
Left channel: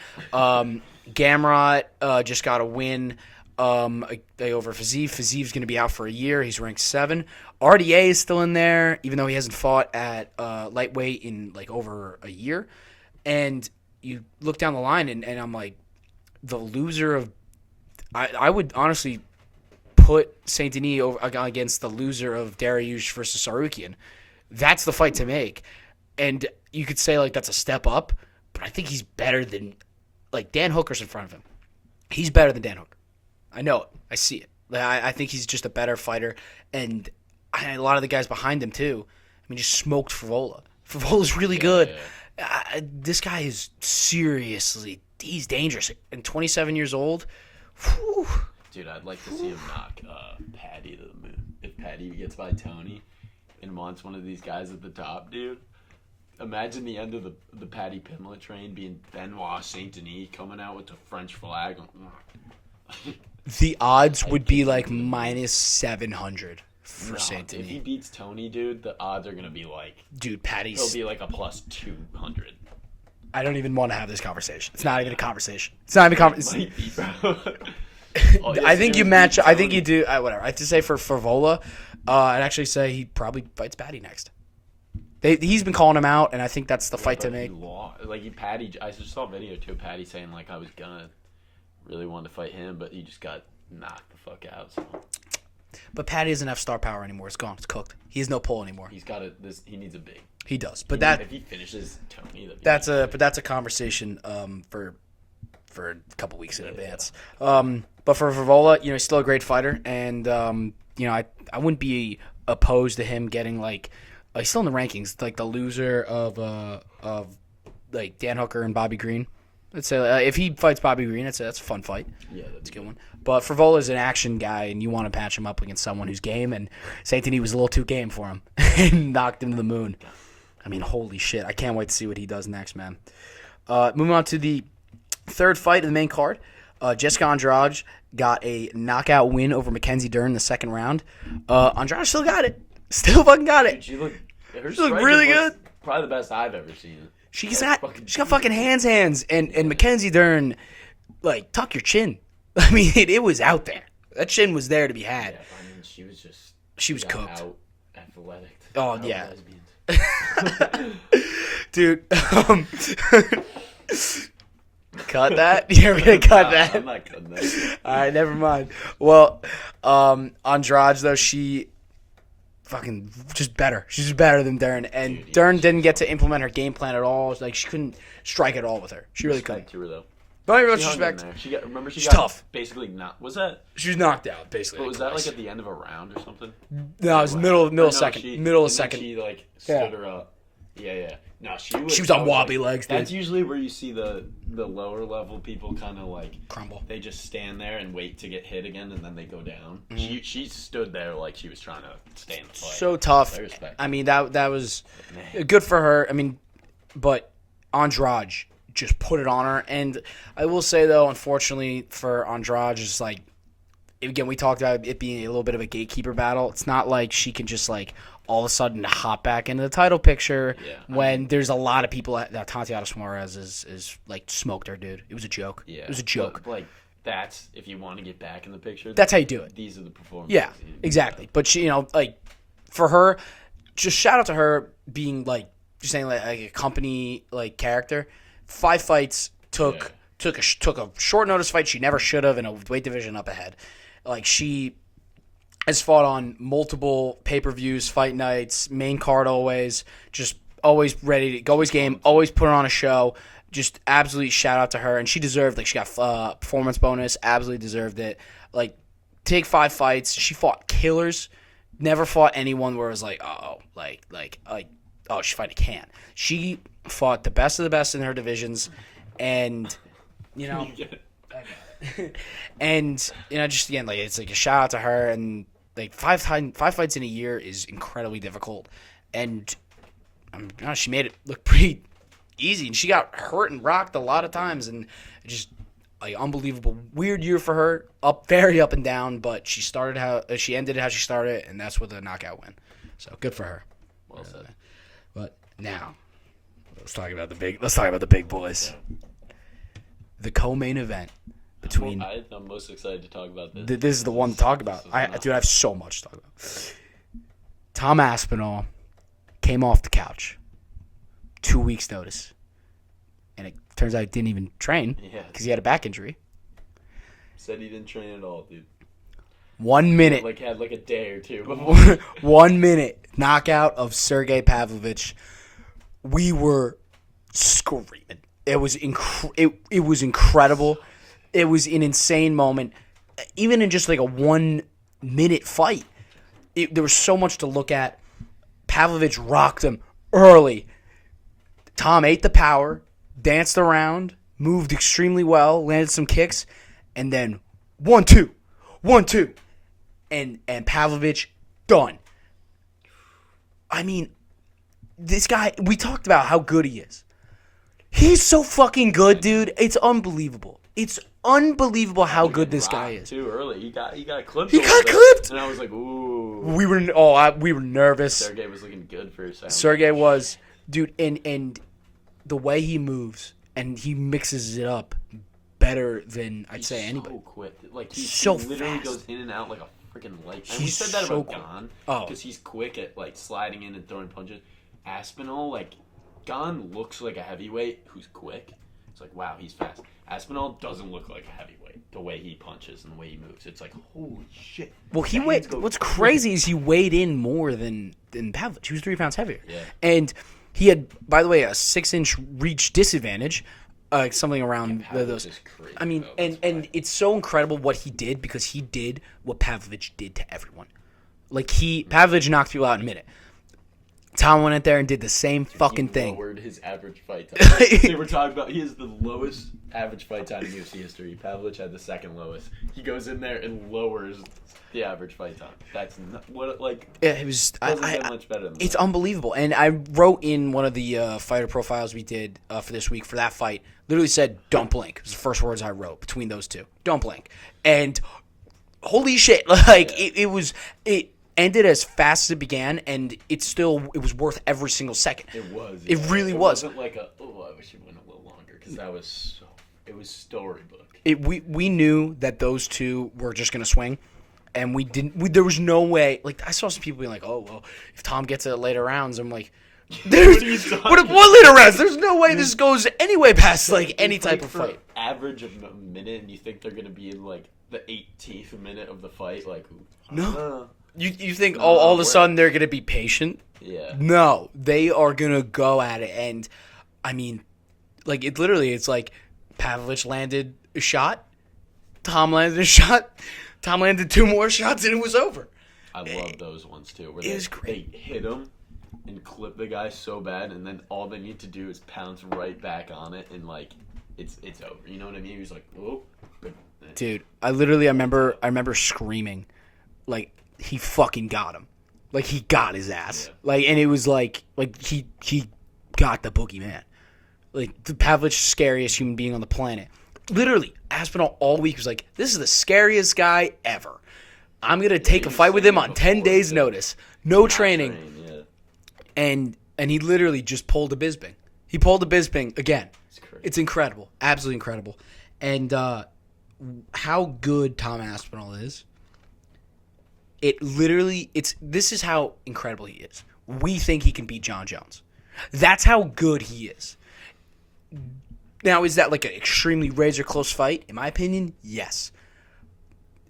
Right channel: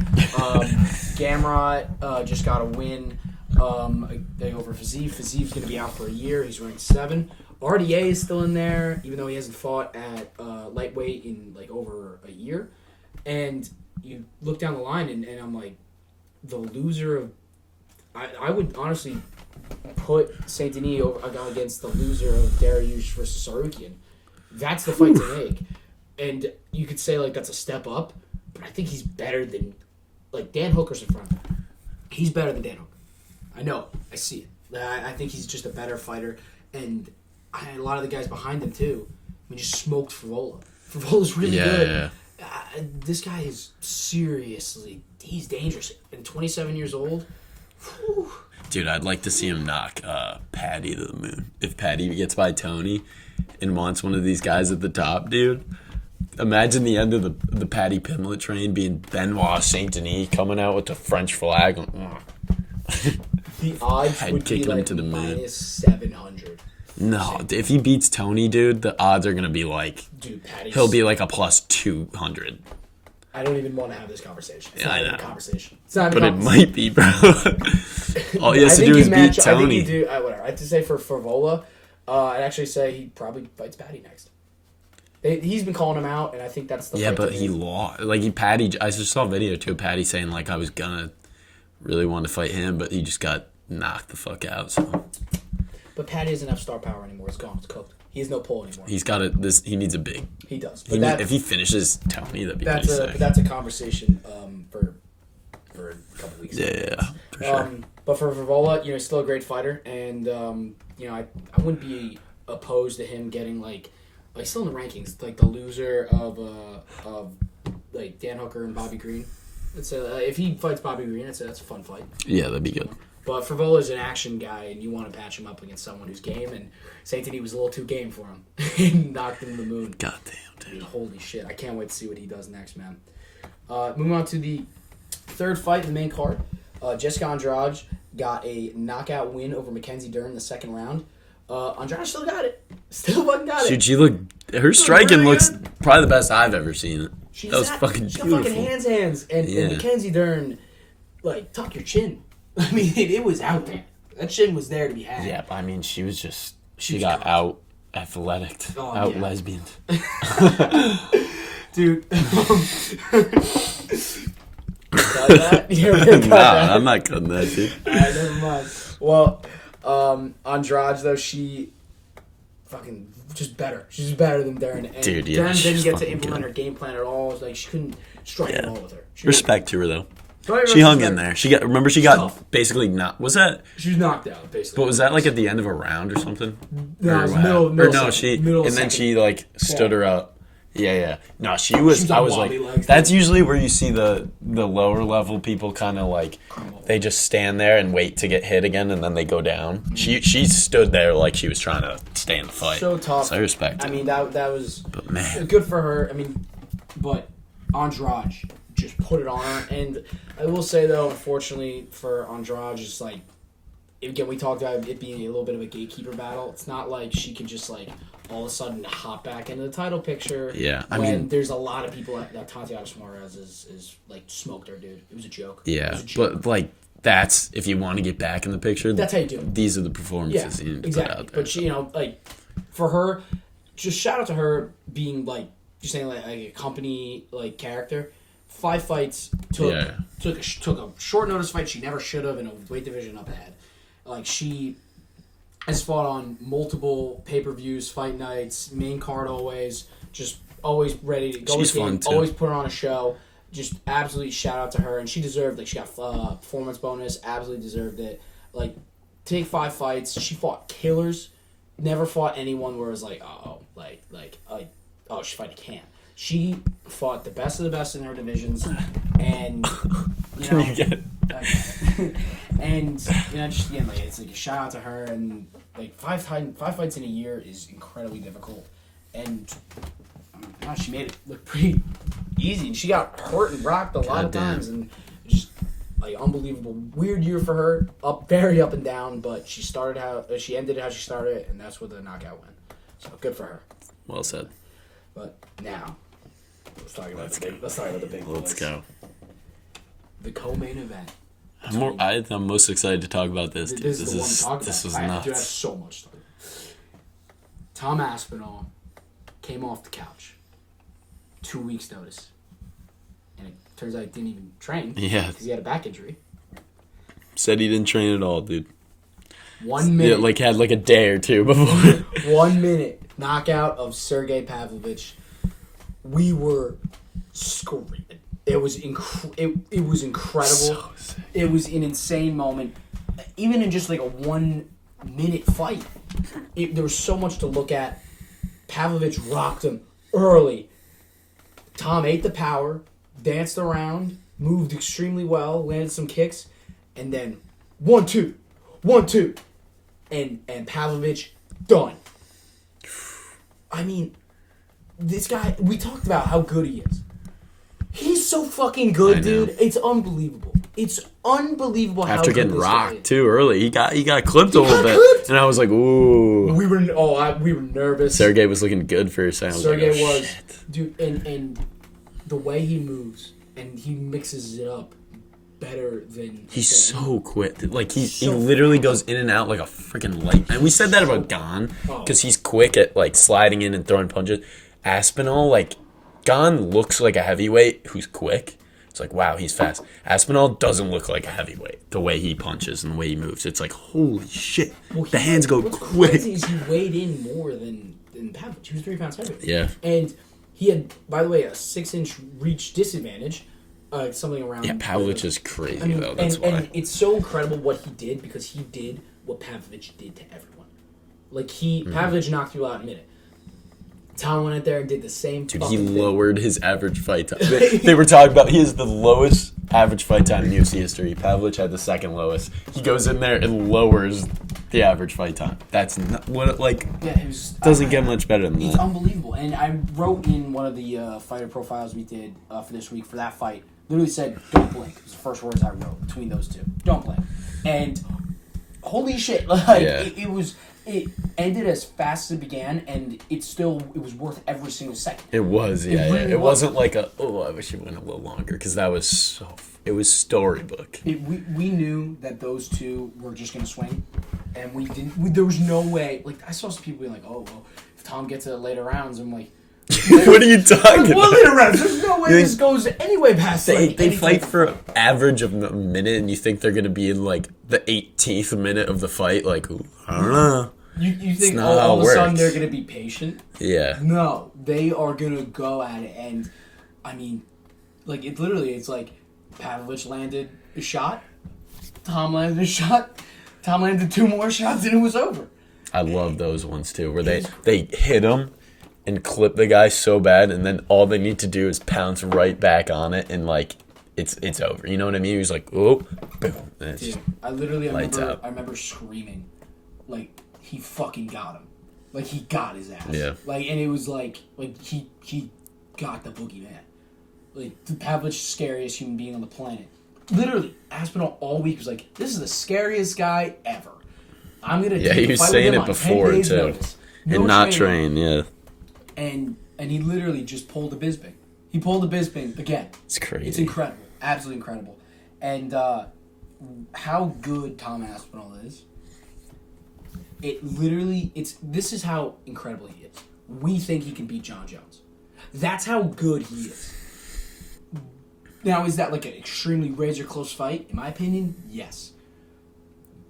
Gamrot just got a win over Fiziev. Fiziev's going to be out for a year. He's ranked 7. RDA is still in there, even though he hasn't fought at lightweight in like over a year. And you look down the line, and I'm like, the loser of... I would honestly put Saint Denis against the loser of Dariush versus Sarukian. That's the fight to make. And you could say, like, that's a step up, but I think he's better than... Like, Dan Hooker's in front of him. He's better than Dan Hooker. I know it. I see it. I think he's just a better fighter. And a lot of the guys behind him, too. I mean, just smoked Favola. Favola's really good. Yeah. This guy is seriously... He's dangerous. And 27 years old... Whew. Dude, I'd like to see him knock Paddy to the moon. If Paddy gets by Tony and wants one of these guys at the top, dude... Imagine the end of the Paddy Pimblett train being Benoit Saint Denis coming out with the French flag. The odds would be like minus 700. No, if he beats Tony, dude, the odds are gonna be like, dude, Paddy's... He'll be like a plus 200. I don't even want to have this conversation. It's Yeah, not I even know. a conversation. It's not even a But it conversation. might be, bro. All he has I to think do you is match. beat I think Tony. you do. Whatever. I have to say for Favola, I'd actually say he probably fights Paddy next. He's been calling him out, and I think that's the Yeah, fight but to he make. lost. Like Paddy, I just saw a video too. Paddy saying like I was gonna really want to fight him, but he just got knocked the fuck out. So But Paddy doesn't have star power anymore. It's gone. It's cooked. He has no pull anymore. he's got he needs a big. He does. But If he finishes Tony, that'd be that's a conversation for a couple weeks. Yeah, for sure. But for Favola, he's still a great fighter, and I wouldn't be opposed to him getting like he's still in the rankings, like the loser of like Dan Hooker and Bobby Green. Let's say if he fights Bobby Green, that's a fun fight. Yeah, that'd be good. But Favola's an action guy, and you want to patch him up against someone who's game, and Saint Denis was a little too game for him and knocked him to the moon. God damn. I mean, holy shit. I can't wait to see what he does next, man. Moving on to the third fight of the main card. Jessica Andrade got a knockout win over Mackenzie Dern in the second round. Andrade still got it. Still fucking got it. Dude, her striking really looks good. probably the best I've ever seen it. She's That was got fucking hands. And Yeah. Mackenzie Dern, like, tuck your chin. I mean, it was out there. That chin was there to be had. Yeah, I mean, she was She was got cooked. out athletic, out yeah. lesbian. Dude. Cut that? Yeah, we're gonna cut that. I'm not cutting that, dude. Alright, never mind. Well, Andrade, though, she fucking just better. She's just better than Dern. And Dude, yeah, Dern didn't she's get to fucking implement her game plan at all. Like, she couldn't strike at all with her. She Respect to her though. really, She hung in there. She got tough. basically not. Was that? She was knocked out, basically. What was that like at the end of a round or something? No, it was Or what? middle Or no, second. she Middle and second. then she like stood Yeah. her up. Yeah. No, she was. She was on I was wobbly like, legs, That's usually where you see the lower level people kind of like Crumble. they just stand there and wait to get hit again, and then they go down. Mm-hmm. She stood there like she was trying to stay in the fight. So tough. So I respect. I mean, that was But man, good for her. I mean, but Andrade just put it on her. And I will say, though, unfortunately for Andrade, just like, again, we talked about it being a little bit of a gatekeeper battle. It's not like she could just, like, all of a sudden hop back into the title picture. Yeah, I When mean- there's a lot of people that Tatiana Suarez is like, smoked her, dude. It was a joke. It yeah, was a joke. but like that's if you want to get back in the picture. That's how you do it. These are the Yeah, performances. you need to put exactly. out there. But she, like, for her, just shout out to her being like, just saying like a company like character. 5 fights took a short notice fight she never should have in a weight division up ahead. Like she has fought on multiple pay-per-views, fight nights, main card always, just always ready to always She's fun, game, too. always put her on a show. just absolutely shout out to her. And she deserved, like, she got performance bonus, absolutely deserved it. Like, take 5 fights. She fought killers. Never fought anyone where it was like, she's fighting Can. She fought the best of the best in her divisions, and and just again, like, it's like a shout out to her. And like 5 fights in a year is incredibly difficult, and she made it look pretty easy. And she got hurt and rocked a lot of times, and just like unbelievable. Weird year for her, very up and down, but she ended how she started, and that's with a knockout win. So good for her. Well said. But now, let's talk about the big boys. Let's go. The co-main event. I'm most excited to talk about this. This is the one to talk about. I have so much to talk about. Tom Aspinall came off the couch. 2 weeks notice. And it turns out he didn't even train. Yeah. Because he had a back injury. Said he didn't train at all, dude. 1 minute. Yeah, had like a day or two before. 1 minute knockout of Sergey Pavlovich. We were screaming. It was it was incredible. So it was an insane moment. Even in just like a 1 minute fight, there was so much to look at. Pavlovich rocked him early. Tom ate the power, danced around, moved extremely well, landed some kicks, and then 1-2, 1-2, and Pavlovich done. I mean, this guy, we talked about how good he is. He's so fucking good, dude. It's unbelievable. It's unbelievable how good this guy is. Too early. He got clipped a little bit. And I was like, ooh. We were nervous. Sergey was looking good for a second. Sergey was, dude, and the way he moves and he mixes it up better than he's so quick. Like he so literally fast. goes in and out like a freaking light. And we said that about Gane because he's quick at like sliding in and throwing punches. Aspinall, like Gane looks like a heavyweight who's quick. It's like, wow, he's fast. Aspinall doesn't look like a heavyweight. The way he punches and the way he moves, it's like, holy shit. Well, the hands go what's quick. crazy is he weighed in more than Pavlovich. He was 3 pounds heavier. Yeah. And he had, by the way, a 6-inch reach disadvantage, something around. Yeah, Pavlovich is crazy, I mean, though. That's why. And it's so incredible what he did because he did what Pavlovich did to everyone. Like, Pavlovich knocked people out in a minute. Tom went in there and did the same fucking thing. He lowered his average fight time. They were talking about he has the lowest average fight time in UFC history. Pavlovich had the second lowest. He goes in there and lowers the average fight time. That's not what it like. Yeah, it was doesn't get much better than that. It's unbelievable. And I wrote in one of the fighter profiles we did for this week for that fight. Literally said, "Don't blink." It was the first words I wrote between those two. Don't blink. And holy shit! Like it ended as fast as it began, and it was worth every single second. It was. Yeah, it really was. It wasn't like I wish it went a little longer because that was so. It was storybook. We knew that those two were just gonna swing, and we didn't. There was no way. Like I saw some people being like, "Oh well, if Tom gets it later rounds," I'm like. What are you talking about? What later rounds? There's no way this goes anyway past like any type fight for fight. Average of a minute, and you think they're gonna be in like the 18th minute of the fight? Like, I don't know. You think all of a sudden they're gonna be patient? Yeah. No, they are gonna go at it, and I mean, like it's like Pavlovich landed a shot, Tom landed a shot, Tom landed 2 more shots, and it was over. I love those ones too, where they hit him and clip the guy so bad, and then all they need to do is pounce right back on it, and like it's over. You know what I mean? He was like, oh, boom. Dude, I remember screaming, like he fucking got him, like he got his ass. Yeah. Like, and it was like he got the boogeyman. Like the Pavlovich, scariest human being on the planet. Literally, Aspinall all week was like, this is the scariest guy ever. I'm gonna take a fight with him on 10 days notice. No training. Yeah. And he literally just pulled a Bisping. He pulled a Bisping again. It's crazy. It's incredible. Absolutely incredible. And how good Tom Aspinall is, this is how incredible he is. We think he can beat John Jones. That's how good he is. Now, is that like an extremely razor close fight? In my opinion, yes.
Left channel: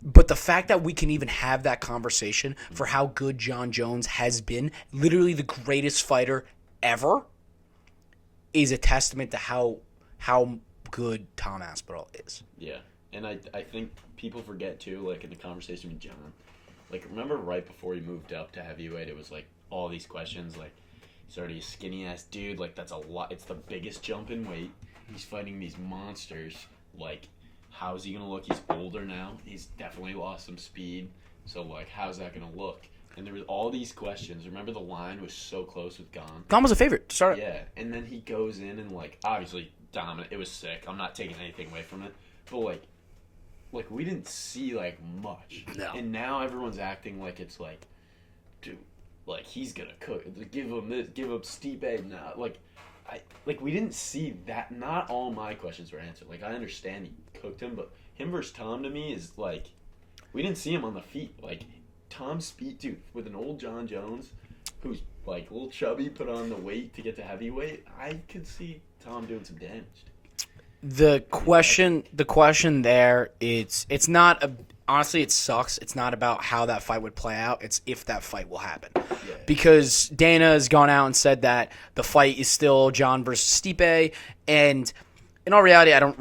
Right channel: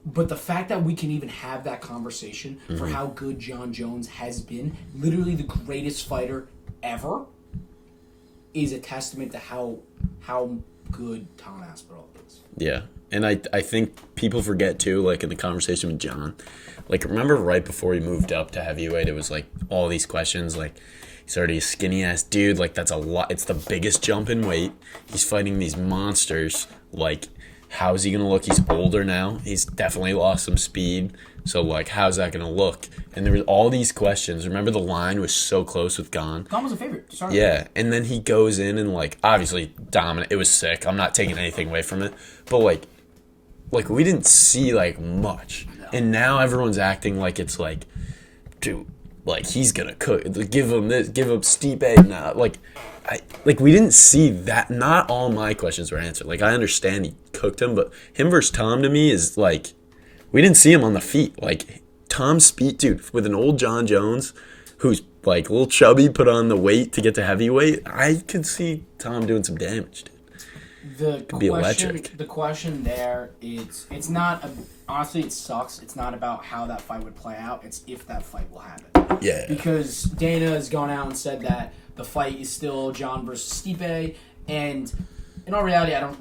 But the fact that we can even have that conversation for how good John Jones has been, literally the greatest fighter ever, is a testament to how how good Tom Aspinall is. Yeah. And I think people forget, too, like, in the conversation with John, like, remember right before he moved up to heavyweight, it was, like, all these questions, like, he's already a skinny-ass dude, like, that's a lot, it's the biggest jump in weight, he's fighting these monsters, like, how's he gonna look? He's older now, he's definitely lost some speed, so, like, how's that gonna look? And there was all these questions. Remember the line was so close with Gon? Gon was a favorite to start. Yeah, and then he goes in and, like, obviously dominant, it was sick, I'm not taking anything away from it, but, like, we didn't see, like, much. No. And now everyone's acting like it's, like, dude, like, he's gonna cook. Give him this, give him Stipe now. Like, we didn't see that. Not all my questions were answered. Like, I understand he cooked him, but him versus Tom to me is, like, we didn't see him on the feet. Like, Tom's speed, dude, with an old John Jones who's, like, a little chubby, put on the weight to get to heavyweight, I could see Tom doing some damage, dude. The question there, it's not honestly, it sucks. It's not about how that fight would play out. It's if that fight will happen. Yeah. Because Dana has gone out and said that the fight is still John versus Stipe, and in all reality, I don't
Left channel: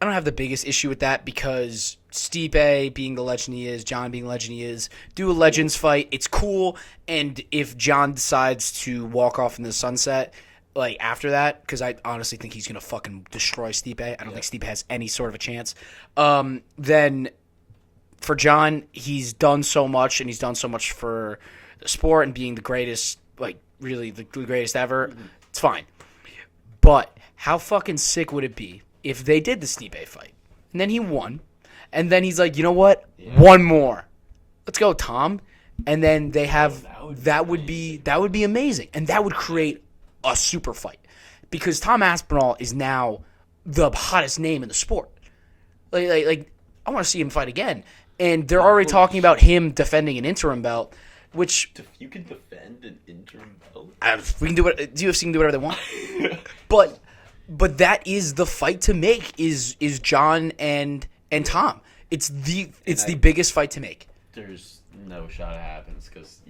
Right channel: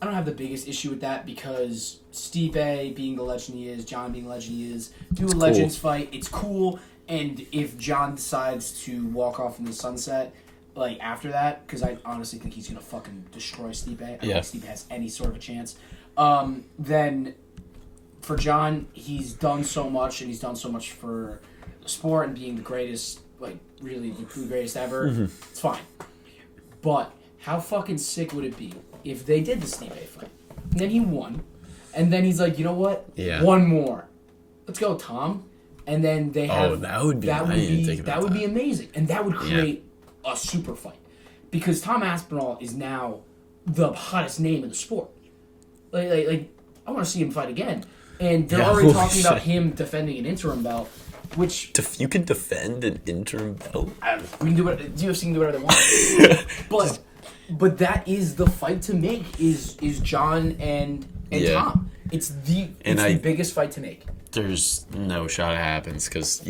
have the biggest issue with that because Stipe being the legend he is, John being the legend he is, do a Legends fight. It's cool, and if John decides to walk off in the sunset, like, after that, because I honestly think he's going to fucking destroy Stipe. I don't think Stipe has any sort of a chance. Then for John, he's done so much, and he's done so much for the sport and being the greatest, like, really the greatest ever. Mm-hmm. It's fine. But how fucking sick would it be if they did the Stipe fight, and then he won, and then he's like, you know what? Yeah. One more. Let's go, Tom. And then they have... that would be amazing. And that would create... a super fight, because Tom Aspinall is now the hottest name in the sport. Like I want to see him fight again, and they're already talking about him defending an interim belt, which you can defend an interim belt. We can do what UFC can do whatever they want, but that is the fight to make. Is John and Tom? It's the biggest fight to make. There's no shot it happens because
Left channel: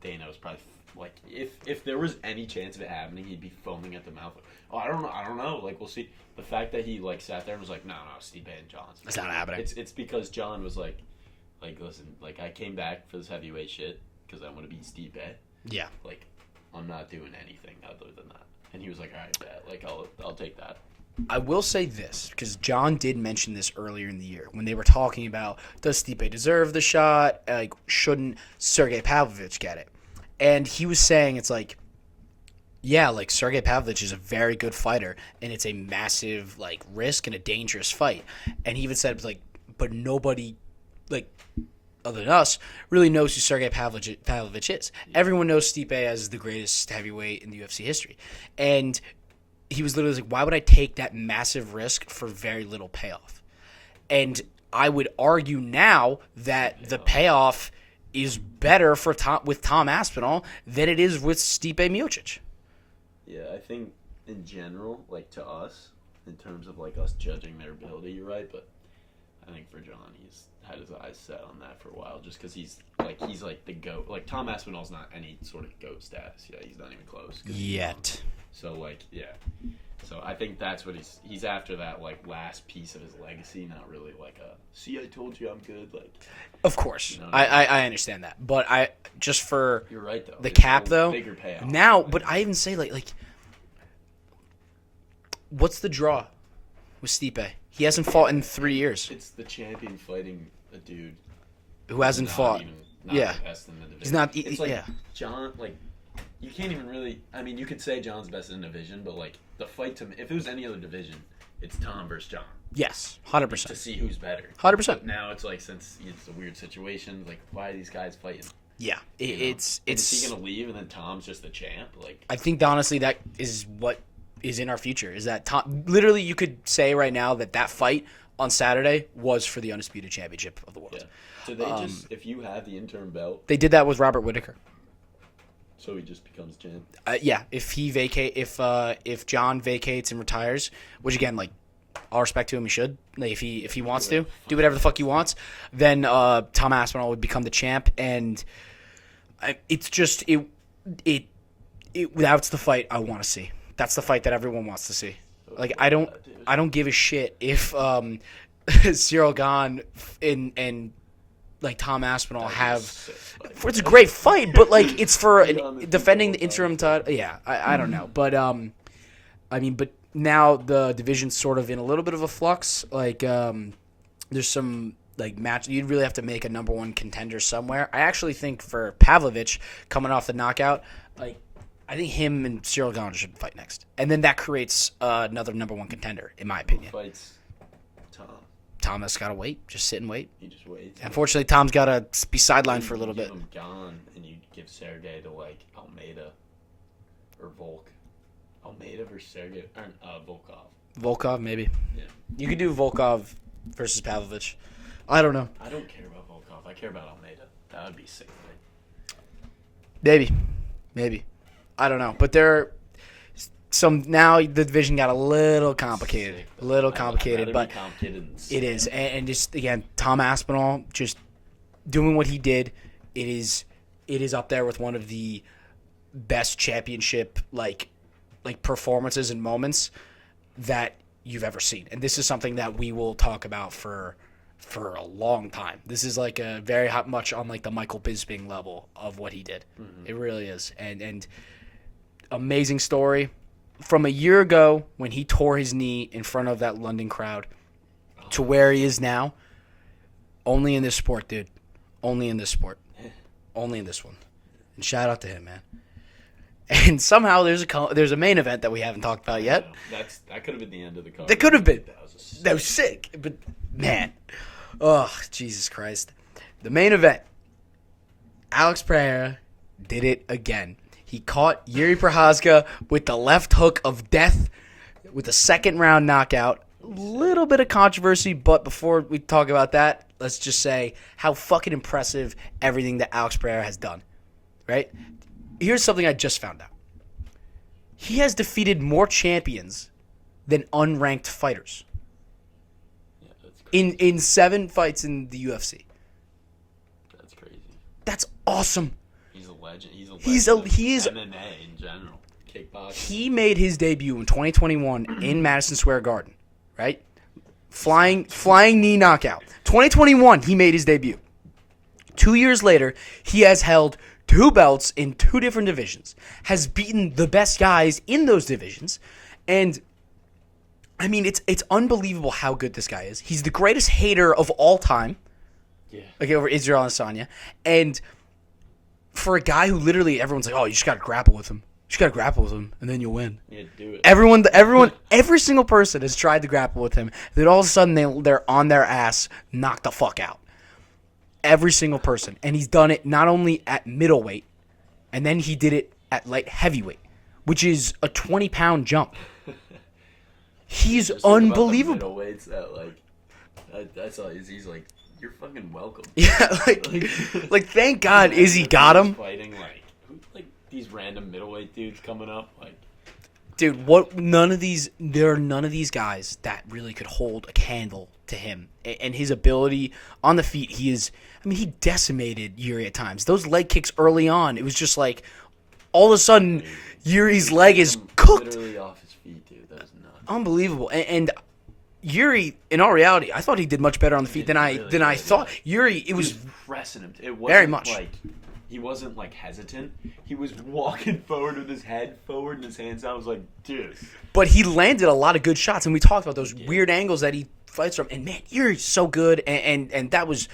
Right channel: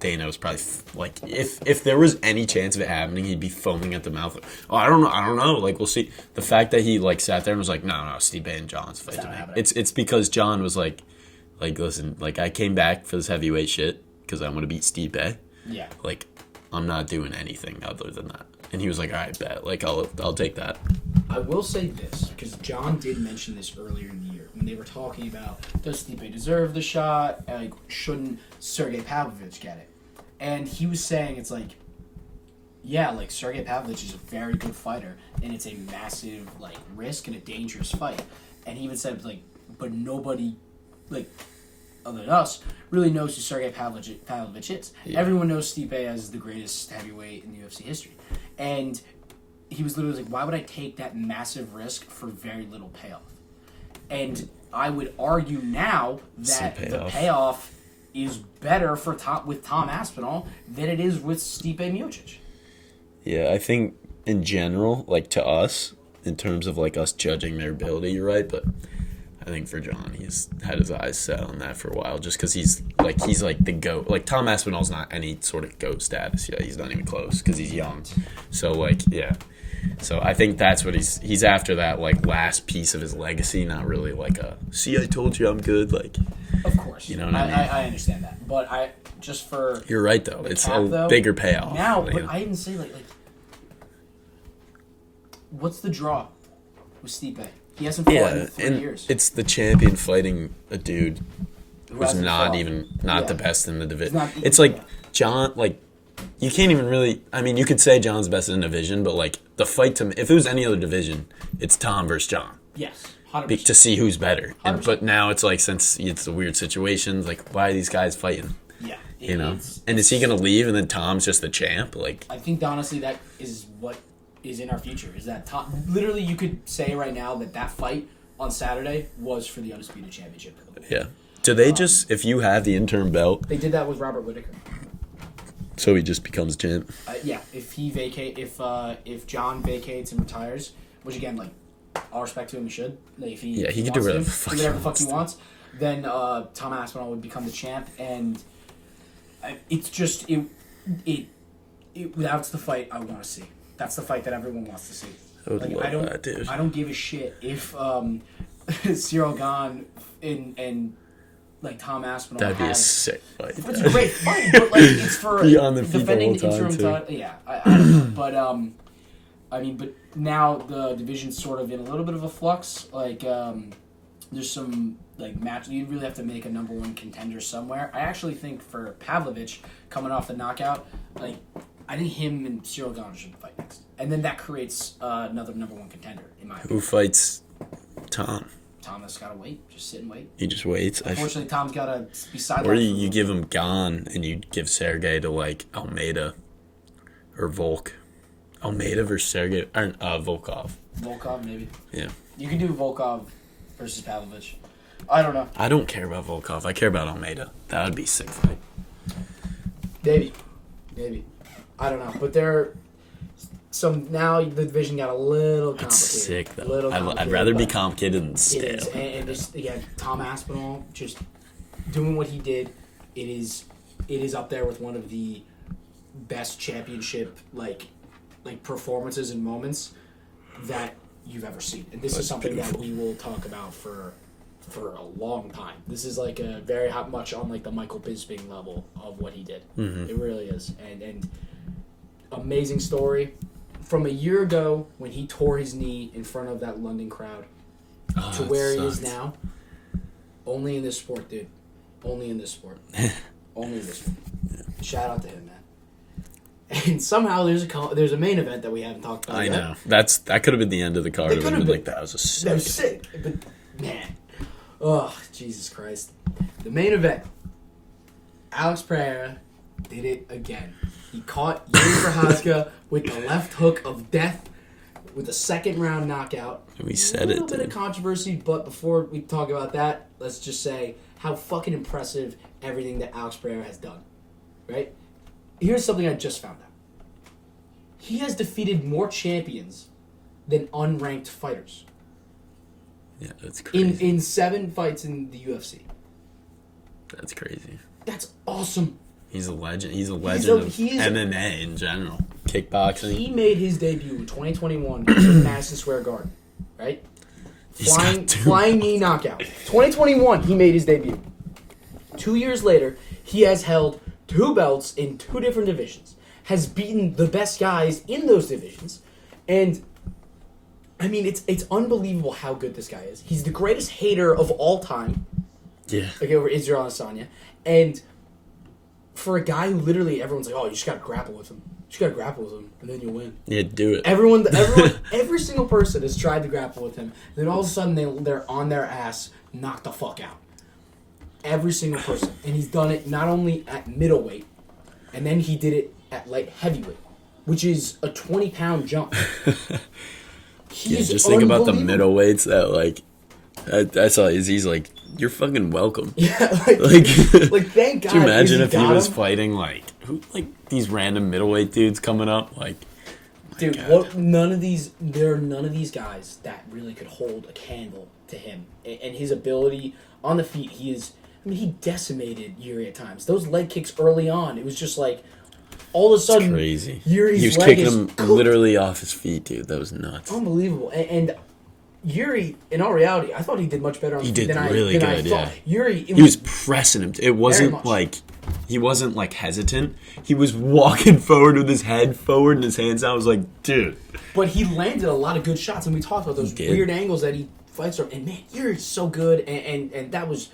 Dana was probably like, if there was any chance of it happening, he'd be foaming at the mouth. Oh, I don't know. Like, we'll see. The fact that he, like, sat there and was like, no, Stipe and John's fight. It's not happening. It's because John was like, listen, like, I came back for this heavyweight shit because I want to beat Stipe. Yeah. Like, I'm not doing anything other than that. And he was like, all right, bet. Like, I'll take that. I will say this, because John did mention this earlier in the year when they were talking about, does Stipe deserve the shot? Like, shouldn't Sergey Pavlovich get it? And he was saying, it's like, yeah, like, Sergey Pavlovich is a very good fighter, and it's a massive, like, risk and a dangerous fight. And he even said, like, but nobody, like, other than us, really knows who Sergey Pavlovich is. Yeah. Everyone knows Stipe as the greatest heavyweight in the UFC history. And he was literally like, why would I take that massive risk for very little payoff? And I would argue now that the payoff is better for with Tom Aspinall than it is with Stipe Miocic. Yeah, I think in general, like, to us, in terms of, like, us judging their ability, you're right, but I think for John, he's had his eyes set on that for a while, just because he's like the GOAT. Like, Tom Aspinall's not any sort of GOAT status yet. He's not even close because he's young. So, like, yeah. So I think that's what he's after, that, like, last piece of his legacy, not really like a, see, I told you I'm good, like. Of course. You know what I mean? I understand that. But just for you're right, though. The cap, though. Bigger payoff. Now, but I even say, like, what's the draw with Stipe? He hasn't fought in 3 years. It's the champion fighting a dude who hasn't fought. Not the best in the division. It's like, John, like, you can't even really, I mean, you could say John's best in the division, but, like, the fight if it was any other division, it's Tom versus John. Yes, 100%. To see who's better. 100%. But now it's like, since it's a weird situation, like, why are these guys fighting? Yeah. You know? And is he going to leave and then Tom's just the champ? Like, I think, honestly, that is what is in our future. Is that Tom, literally, you could say right now that fight on Saturday was for the Undisputed Championship of the world. Yeah. Do they just, if you have the interim belt? They did that with Robert Whittaker. So he just becomes champ? Yeah. If John vacates and retires, which, again, like, all respect to him, he should. Like, if he wants to do whatever the fuck he wants, then Tom Aspinall would become the champ, and it's just that's the fight I want to see. That's the fight that everyone wants to see. Like love that, dude. I don't give a shit if Cyril Gane and like Tom Aspinall That'd be a have. sick fight. It's a great fight, but like it's for Be on the feet defending the the whole time, interim too. title. Yeah, I don't know, but I mean, but now the division's sort of in a little bit of a flux. Like there's some like match. You'd really have to make a number one contender somewhere. I actually think for Pavlovich coming off the knockout, like I think him and Cyril Gane should fight next, and then that creates another number one contender in my Who opinion. fights Tom? Thomas got to wait, just sit and wait. He just waits. Unfortunately, Tom's got to be Or sidelined for a you little give bit. him Gane and you give Sergey to like Almeida or Volk. Almeida versus Sergey or Volkov. Volkov, maybe. Yeah. You could do Volkov versus Pavlovich. I don't know. I don't care about Volkov. I care about Almeida. That would be a sick fight. Maybe. I don't know. But now the division got a little complicated. Sick, though. A little complicated. I'd rather be but complicated than stale. it is. And just, again, Tom Aspinall just doing what he did. It is up there with one of the best championship like performances and moments that you've ever seen. And this is something that we will talk about for a long time. This is like a very much on like the Michael Bisping level of what he did. Mm-hmm. It really is. And amazing story from a year ago when he tore his knee in front of that London crowd to where he is now. Only in this sport, dude. Only in this sport. Only in this one. Shout out to him, man. And somehow there's a main event that we haven't talked about I yet. know. That could have been the end of the card. That could have been. Like, that was a sick. That was sick. But, man. Oh, Jesus Christ. The main event. Alex Pereira did it again. He caught Yuri Prochazka with the left hook of death with a second-round knockout. We A said little it, bit of dude. controversy, but before we talk about that, let's just say how fucking impressive everything that Alex Pereira has done. Right? Here's something I just found out. He has defeated more champions than unranked fighters Yeah, that's crazy. in 7 fights in the UFC. That's crazy. That's awesome. He's a legend. He's a He's legend a- of MMA in general. Kickboxing. He made his debut in 2021 in Madison Square Garden, right? Flying knee knockout. 2021, he made his debut. 2 years later, he has held 2 belts in 2 different divisions, has beaten the best guys in those divisions, and I mean, it's unbelievable how good this guy is. He's the greatest hater of all time, Yeah. okay, over Israel Adesanya, and for a guy who literally everyone's like, oh, you just got to grapple with him. You just got to grapple with him, and then you'll win. Yeah, do it. Everyone, every single person has tried to grapple with him. Then all of a sudden they're on their ass, knocked the fuck out. Every single person, and he's done it not only at middleweight, and then he did it at light heavyweight, which is a 20-pound jump. He's Just think about the unbelievable. middleweights that like. That's all. He's like, you're fucking welcome. Yeah, Like, thank can you God imagine Izzy if got he was him. fighting like these random middleweight dudes coming up like. Dude, there are none of these guys that really could hold a candle to him. And his ability on the feet, he decimated Yuri at times. Those leg kicks early on, it was just like, all of a sudden, Crazy. Yuri's He was leg kicking is him cooked. literally off his feet, dude. That was nuts. Unbelievable. And Yuri, in all reality, I thought he did much better on the feet did than I really thought. good, yeah. Yuri, He was pressing him. It wasn't much. like he wasn't like hesitant. He was walking forward with his head forward and his hands out. I was like, dude. but he landed a lot of good shots, and we talked about those did. weird angles that he fights from. And man, Yuri's so good, and that was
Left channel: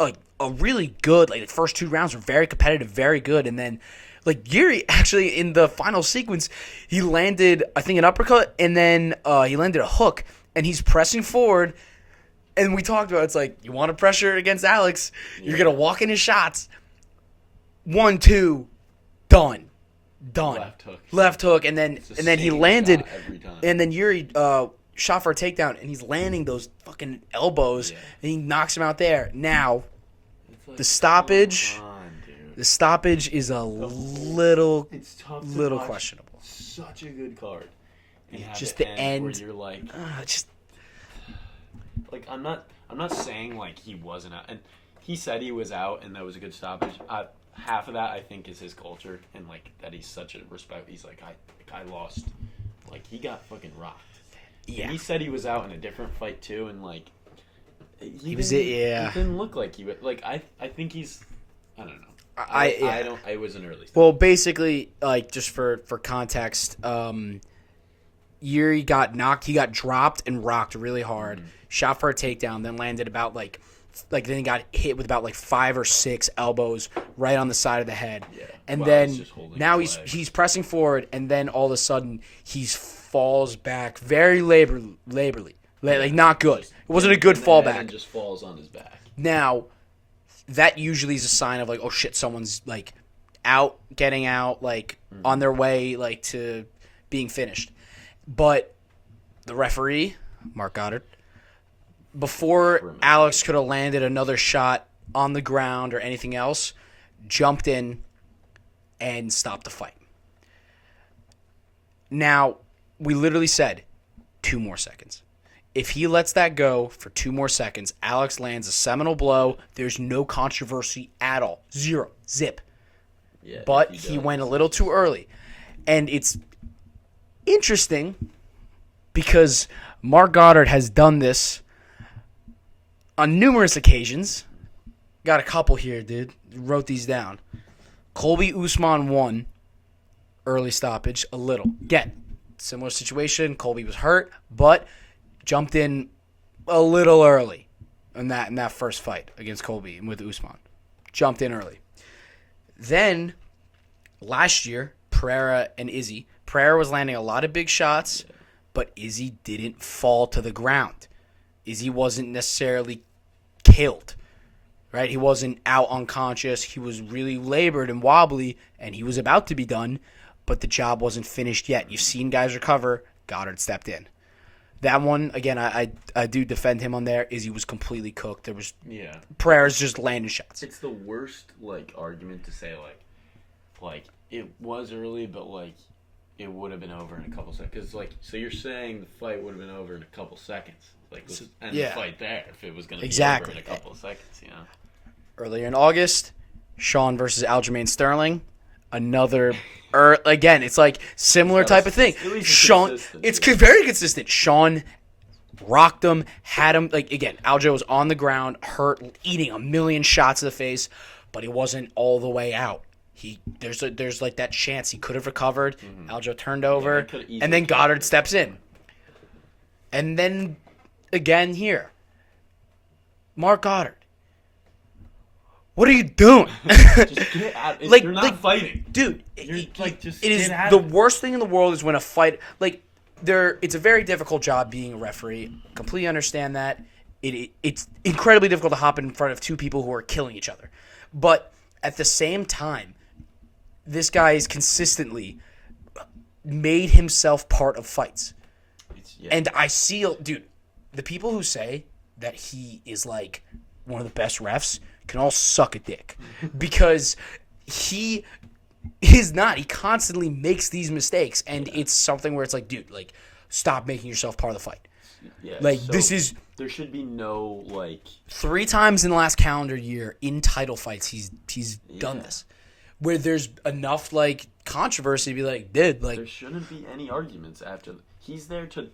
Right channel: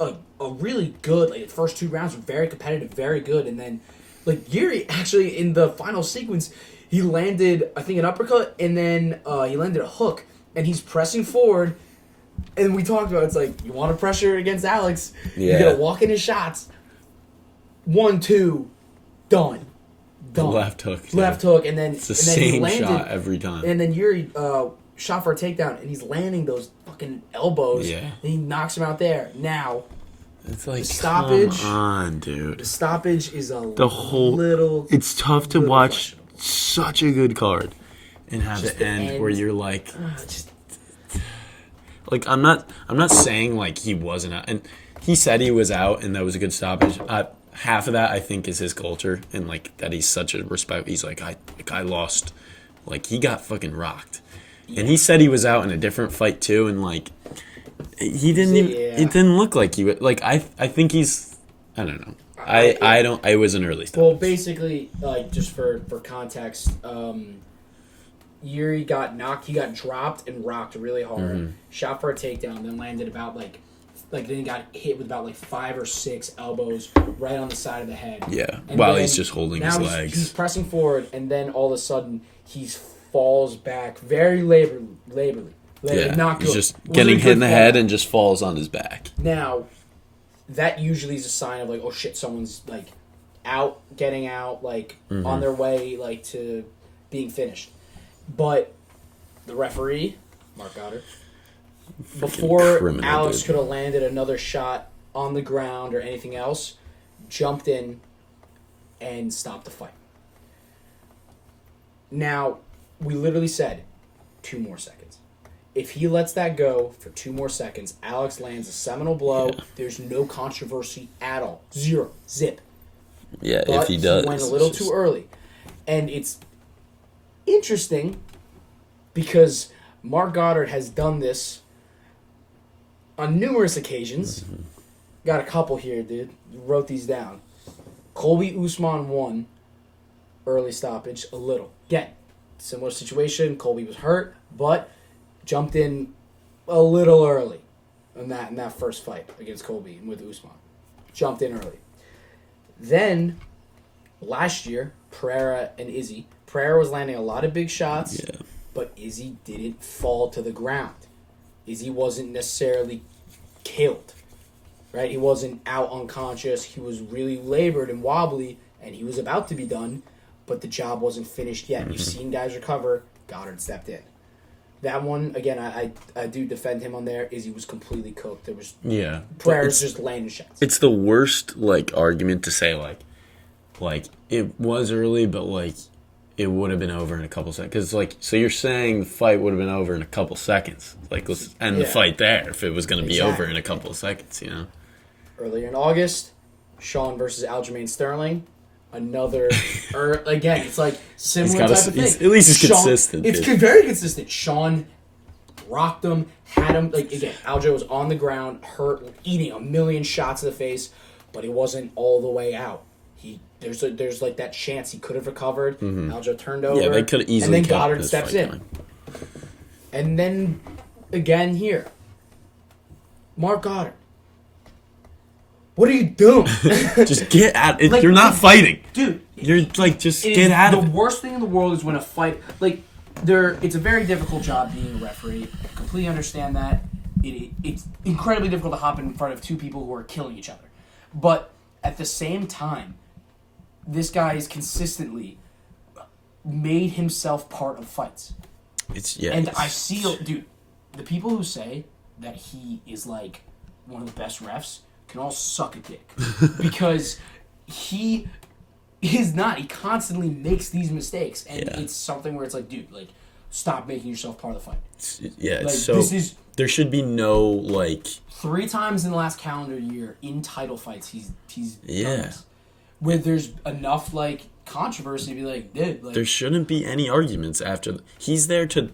a really good. Like the first 2 rounds were very competitive, very good, and then like Yuri actually in the final sequence, he landed I think an uppercut, and then he landed a hook, and he's pressing forward. And we talked about it's like you want to pressure against Alex, you're Yeah. gonna walk in his shots. 1, 2, done. Left hook. Left hook, and then It's the he same landed shot every time. And then Yuri shot for a takedown, and he's landing those fucking elbows, Yeah. and he knocks him out there. Now It's like, the stoppage- Come on, dude. the stoppage is a whole- little. It's tough to little watch questionable. such a good card and have Just it the end where end. you're like, Just like I'm not saying like he wasn't out, and he said he was out, and that was a good stoppage. Half of that I think is his culture and like that he's such a respect. He's like I lost, like he got fucking rocked, And he said he was out in a different fight too, and like he didn't. It didn't look like he would. Like I think he's. I don't know. I don't. I was an early stop. Well, basically, like just for context, Yuri got knocked. He got dropped and rocked really hard. Shot for a takedown, then landed about like then he got hit with about like 5 or 6 elbows right on the side of the head. Yeah. And while then he's just holding now his legs. he's pressing forward, and then all of a sudden he falls back very laborly. Like not good. He's just getting hit in the head and just falls on his back. Now, that usually is a sign of like, oh shit, someone's like getting out, like on their way like to being finished. But the referee, Mark Goddard, before Alex could have landed another shot on the ground or anything else, jumped in and stopped the fight. Now, we literally said 2 more seconds. If he lets that go for 2 more seconds, Alex lands a seminal blow. Yeah. There's no controversy at all. 0. Zip. Yeah, but if he does. He went a little too early. And it's interesting because Mark Goddard has done this on numerous occasions. Got a couple here, dude. Wrote these down. Colby Usman won. Early stoppage, a little. Again, similar situation. Colby was hurt, but jumped in a little early in that first fight against Colby and with Usman. Jumped in early. Then, last year, Pereira and Izzy. Pereira was landing a lot of big shots, but Izzy didn't fall to the ground. Izzy wasn't necessarily killed, right? He wasn't out unconscious. He was really labored and wobbly, and he was about to be done, but the job wasn't finished yet. You've seen guys recover. Goddard stepped in. That one, again, I do defend him on there. Izzy was completely cooked. There was Pereira's just landing shots. It's the worst argument to say like it was early, but like it would have been over in a couple seconds. Because so you're saying the fight would have been over in a couple seconds. Like let's end the fight there if it was going to be over in a couple of seconds. Earlier in August, Sean versus Aljamain Sterling. Another, again, it's like similar type of thing. At least it's consistent. It's very consistent. Sean rocked him, had him, again, Aljo was on the ground, hurt, eating a million shots to the face, but he wasn't all the way out. There's that chance he could have recovered. Aljo turned over, and then Goddard steps in. And then, again here, Mark Goddard. What are you doing? Just get out. You're not fighting. Dude. You're just get out of it. The worst thing in the world is when a fight, it's a very difficult job being a referee. Completely understand that. It's incredibly difficult to hop in front of 2 people who are killing each other. But at the same time, this guy has consistently made himself part of fights. And I see, dude, the people who say that he is like one of the best refs can all suck a dick because he is not. He constantly makes these mistakes, and it's something where it's like, dude, stop making yourself part of the fight. Yeah, so this is. There should be no 3 times in the last calendar year in title fights he's done this, where there's enough controversy to be like, dude, there shouldn't be any arguments after. He's there to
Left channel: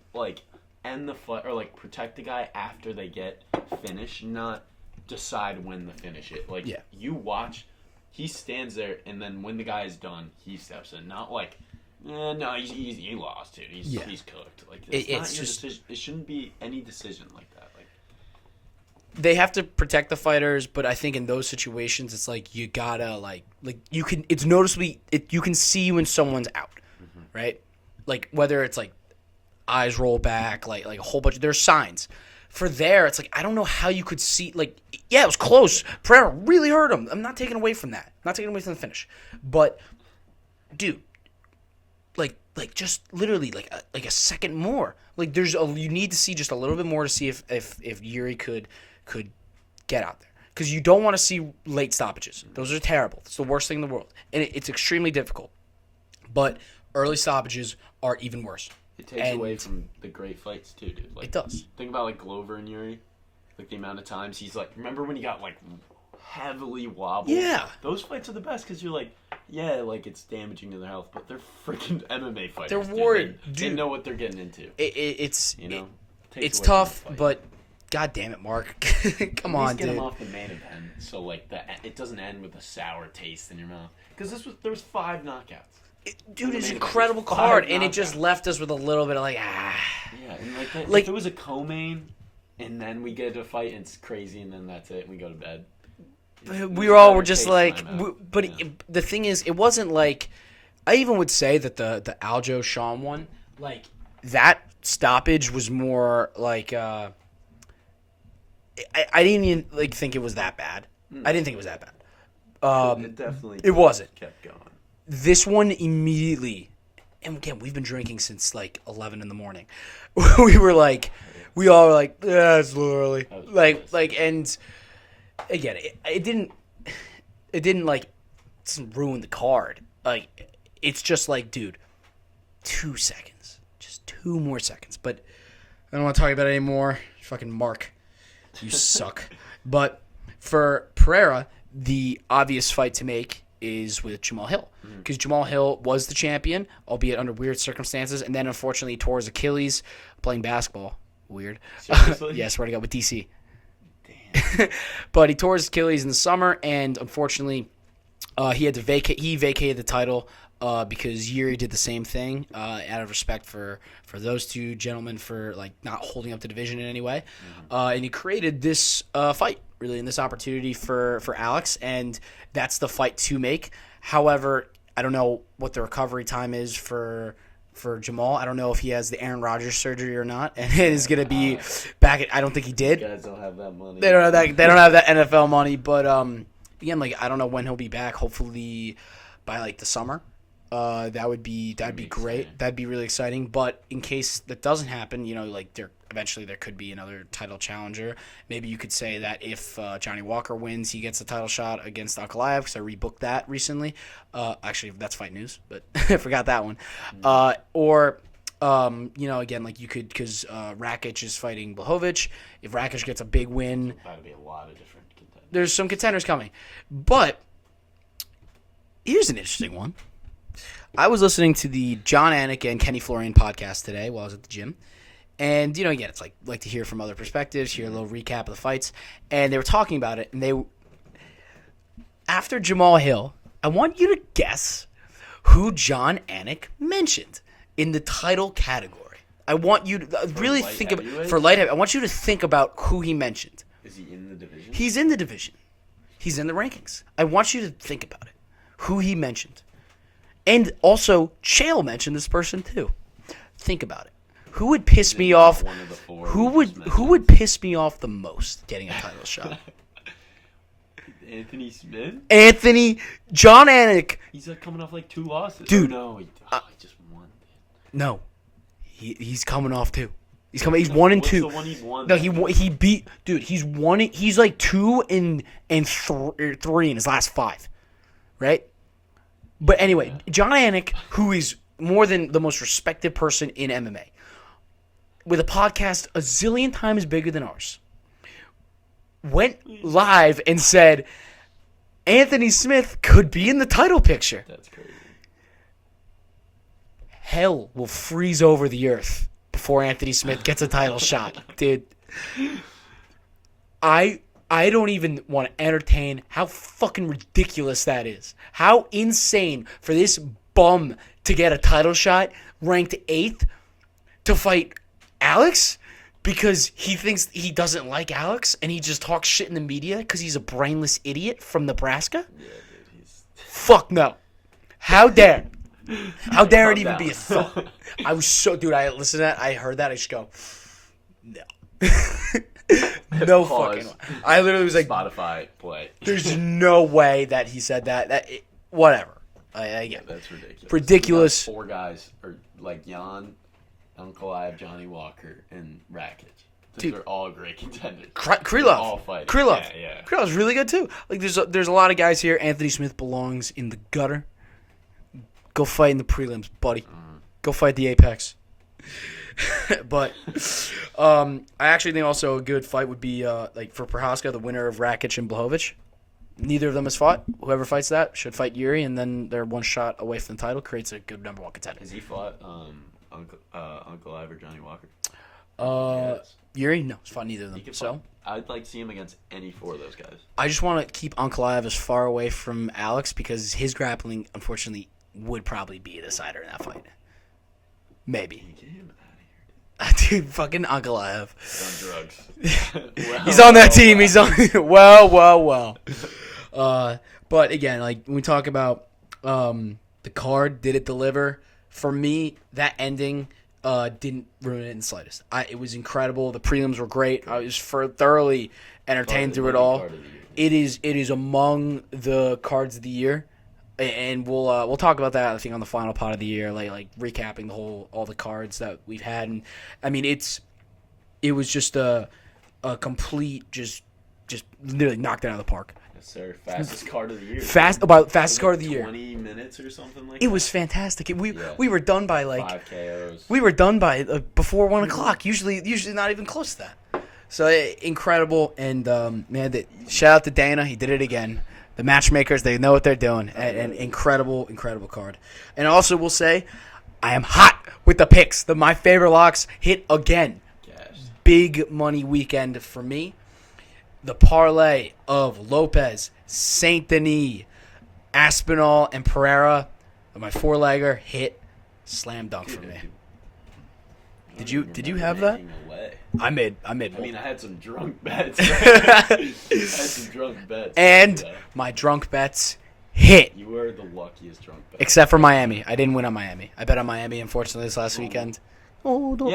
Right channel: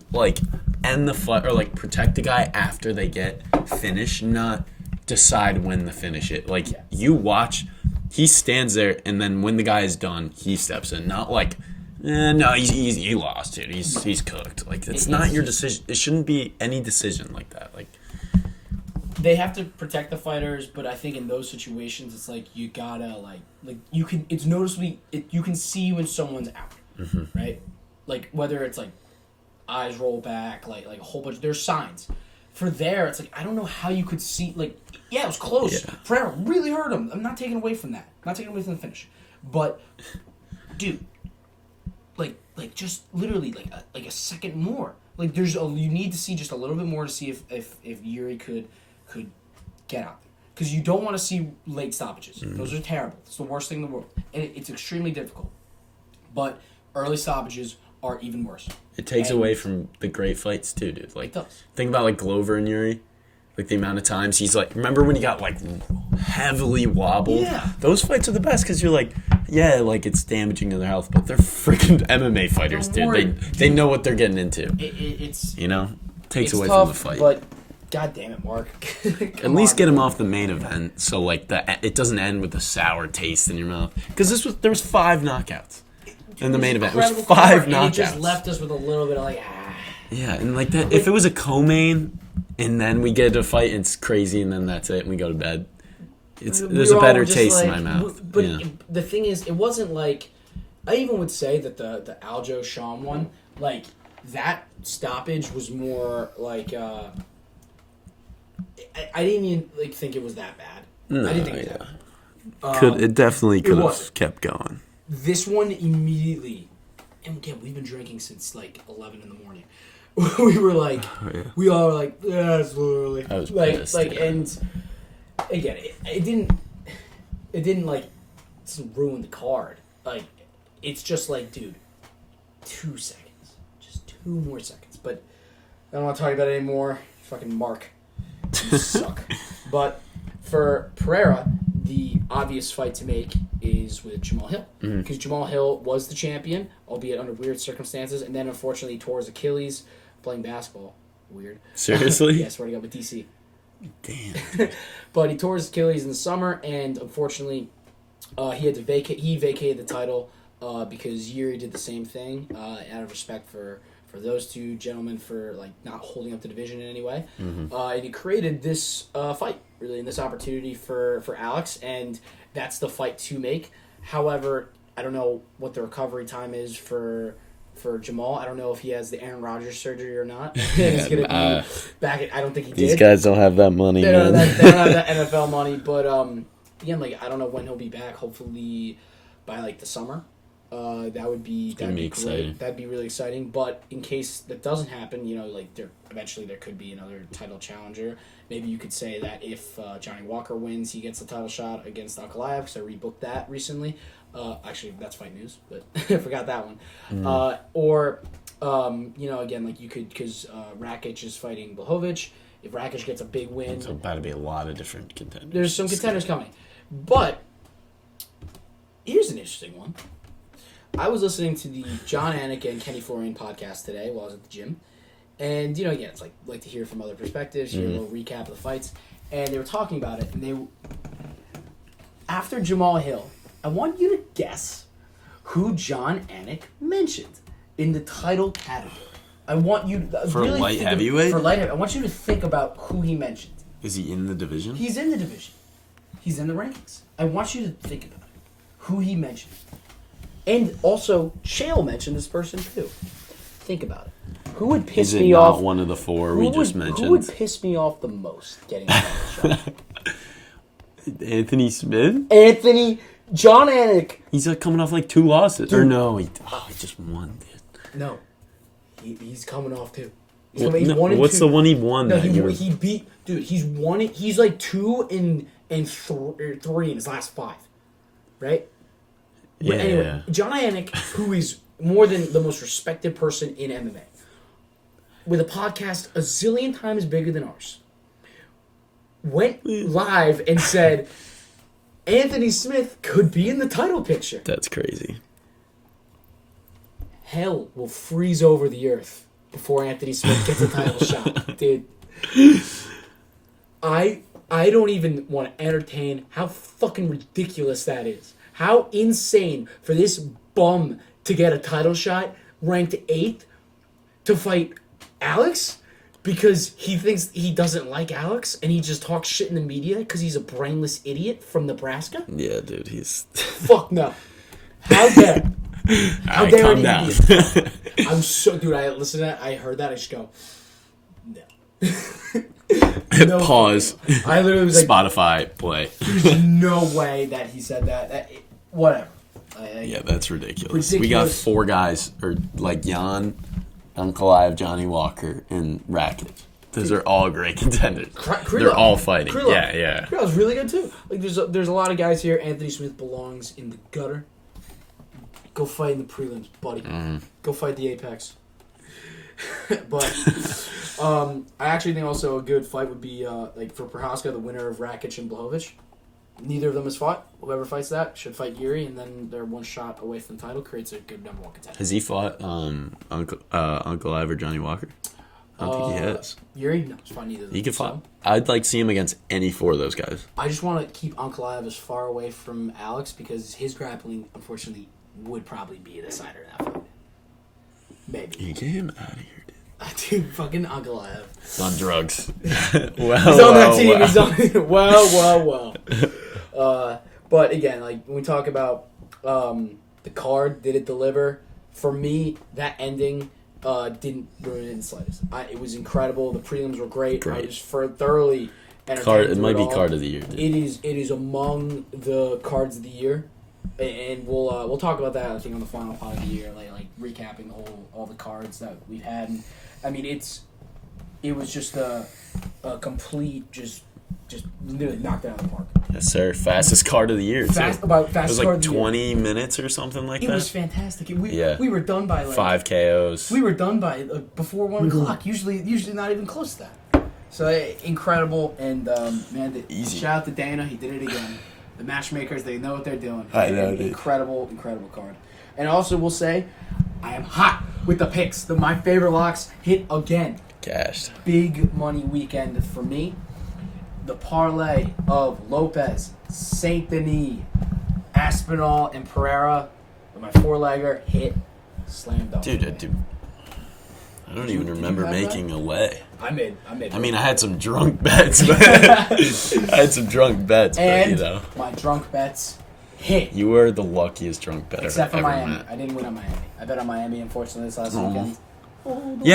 end the fight or protect the guy after they get finished, not decide when to finish it. You watch, he stands there, and then when the guy is done, he steps in. Not no, he lost, dude. He's cooked. It's not your decision. It shouldn't be any decision like that. They have to protect the fighters, but I think in those situations, it's you gotta you can. It's noticeably you can see when someone's out, right? Whether it's eyes roll back, a whole bunch. There's signs. For there, it's I don't know how you could see, it was close. Yeah. Pereira really hurt him. I'm not taking away from that. I'm not taking away from the finish. But, dude, just literally, a second more. You need to see just a little bit more to see if Yuri could get out there. Because you don't want to see late stoppages. Those are terrible. It's the worst thing in the world. And it's extremely difficult. But early stoppages are even worse. It takes away from the great fights, too, dude. It does. Think about, Glover and Yuri. The amount of times he's, remember when he got, heavily wobbled? Yeah. Those fights are the best because you're Yeah, like it's damaging to their health, but they're freaking MMA fighters, dude. They know what they're getting into. It's takes it's away tough, from the fight. but god damn it, Mark. At least get him off the main event, so like it doesn't end with a sour taste in your mouth. Because there was 5 knockouts in the main event. It was 5 knockouts, and it just left us with a little bit of like Yeah, and like that. If it was a co-main, and then we get to fight, and it's crazy, and then that's it, and we go to bed. There's a better taste in my mouth. But the thing is, it wasn't like I even would say that the Aljo Shawn one, like that stoppage was more like I didn't even like think it was that bad. No, I didn't think it was that bad. It definitely could have kept going. This one immediately, and again, we've been drinking since like 11 in the morning. We were like, we all were like, it's a little early. I was like, pissed, and again, it didn't like ruin the card. Like, it's just like, dude, 2 seconds, just 2 more seconds. But I don't want to talk about it anymore. Fucking Mark, you suck. But for Pereira, the obvious fight to make is with Jamal Hill. Because Jamal Hill was the champion, albeit under weird circumstances, and then unfortunately he tore his Achilles playing basketball. Weird. Seriously? Yeah, swear to God, with DC. Damn. But he tore his Achilles in the summer, and unfortunately he had to vacate. He vacated the title because Yuri did the same thing out of respect for those 2 gentlemen for like not holding up the division in any way. And he created this fight, really, and this opportunity for Alex, and that's the fight to make. However, I don't know what the recovery time is for Jamal. I don't know if he has the Aaron Rodgers surgery or not. And he's going to be back. I don't think he did. These guys don't have that money. They don't have that NFL money. But again, like I don't know when he'll be back. Hopefully by like the summer. That'd be great. Exciting. That'd be really exciting. But in case that doesn't happen, like eventually there could be another title challenger. Maybe you could say that if Johnny Walker wins, he gets the title shot against Ankalaev, because I rebooked that recently. Actually, that's fight news, but I forgot that one. Or again, like you could, because Rakic is fighting Blachowicz. If Rakic gets a big win, there's about to be a lot of different contenders. There's some contenders coming, but here's an interesting one. I was listening to the John Anik and Kenny Florian podcast today while I was at the gym. And, again, it's like to hear from other perspectives, hear a little recap of the fights. And they were talking about it. And after Jamal Hill, I want you to guess who John Anik mentioned in the title category. I want you to really think for light heavyweight. I want you to think about who he mentioned. Is he in the division? He's in the division. He's in the rankings. I want you to think about it. Who he mentioned. And also, Chael mentioned this person too. Think about it. Who would piss me off? One of the 4 we just mentioned. Who would piss me off the most getting a title shot? Anthony Smith? John Anik. He's like coming off like 2 losses. Dude. Or no, he just won, dude. No, he's coming off 2. He's 1 and 2. What's the one he won? No, he beat. Dude, he's won it. He's like 2 and 3 in his last 5, right? But anyway, John Anik, who is more than the most respected person in MMA, with a podcast a zillion times bigger than ours, went live and said Anthony Smith could be in the title picture. That's crazy. Hell will freeze over the earth before Anthony Smith gets a title shot, dude. I don't even want to entertain how fucking ridiculous that is. How insane for this bum to get a title shot, ranked 8th, to fight Alex because he thinks he doesn't like Alex and he just talks shit in the media because he's a brainless idiot from Nebraska? Yeah, dude, he's... Fuck no. How dare? How dare it even down. be a thought? I was so... Dude, I listened to that. I heard that. I just go... No. Pause. I literally was like... Spotify, play. There's no way that he said that. Whatever. Yeah, that's ridiculous. Ridiculous. We got 4 guys, or like Jan, Ankalaev, Johnny Walker, and Rakic. Those are all great contenders. Krylov. They're all fighting. Krylov. Yeah. Krylov's really good too. Like there's a lot of guys here. Anthony Smith belongs in the gutter. Go fight in the prelims, buddy. Go fight the Apex. But I actually think also a good fight would be like for Prohaska, the winner of Rakic and Blachowicz. neither of them has fought. Whoever fights that should fight Yuri, and then they're one shot away from the title. Creates a good number one contender. Has he fought Uncle Ive or Johnny Walker? I don't think he has. Yuri? No, he's fought neither of them. He could fight. So, I'd like to see him against any four of those guys. I just want to keep Uncle Ive as far away from Alex because his grappling, unfortunately, would probably be the decider in that fight. Maybe. You get him out of here, dude. Dude, fucking Uncle Ive. He's on drugs. He's on that team. He's on. Well. But again, like when we talk about the card, did it deliver? For me, that ending didn't ruin it in the slightest. It was incredible. The prelims were great. I was thoroughly entertained through it all. It might be card of the year. Dude. It is among the cards of the year, and we'll talk about that. I think on the final pot of the year, like recapping all the cards that we've had. And I mean, it was just a complete just literally knocked it out of the park. Yes, sir. Fastest card of the year. Fastest card of the year. 20 minutes or something like that. It was fantastic. We were done by 5 KOs. We were done by before 1 o'clock. Usually not even close to that. So incredible, and man, shout out to Dana. He did it again. The matchmakers, they know what they're doing. Incredible card. And also, we'll say, I am hot with the picks. My favorite locks hit again. Cashed. Big money weekend for me. The parlay of Lopez, Saint Denis, Aspinall, and Pereira, my four-legger hit slam dunk. Dude, I don't even remember making a lay. I made. I mean, I had some drunk bets. And my drunk bets hit. You were the luckiest drunk bet. Except for Miami. I didn't win on Miami. I bet on Miami, unfortunately, this last weekend. What'd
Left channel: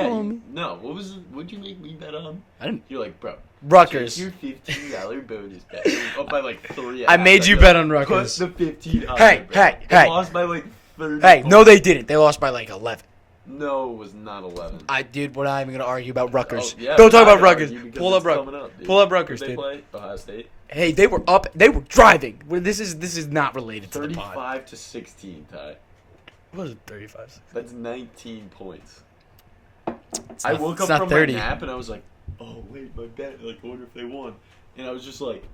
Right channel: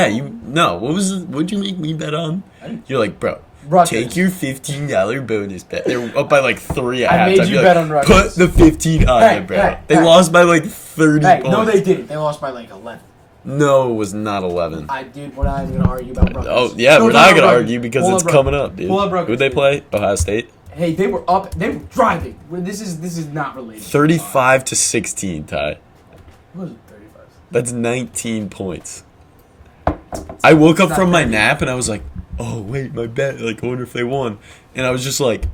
you make me bet on? You're like, bro. Rutgers. Take your $15 bonus bet. They were up by like 3. I made you bet on Rutgers. Put the 15 on it, bro. They lost by like 30 points. No, they didn't. They lost by like 11. No, it was not 11. Dude, we're not even going to argue about Rutgers. Oh, yeah, we're not going to argue because it's coming up, dude. Pull up Rutgers. Who'd they play? Ohio State? Hey, they were up. They were driving. This is not related. 35 to 16, Ty. What was it, 35? That's 19 points. I woke up from my nap and I was like, oh, wait, my bet. Like, I wonder if they won. And I was just like...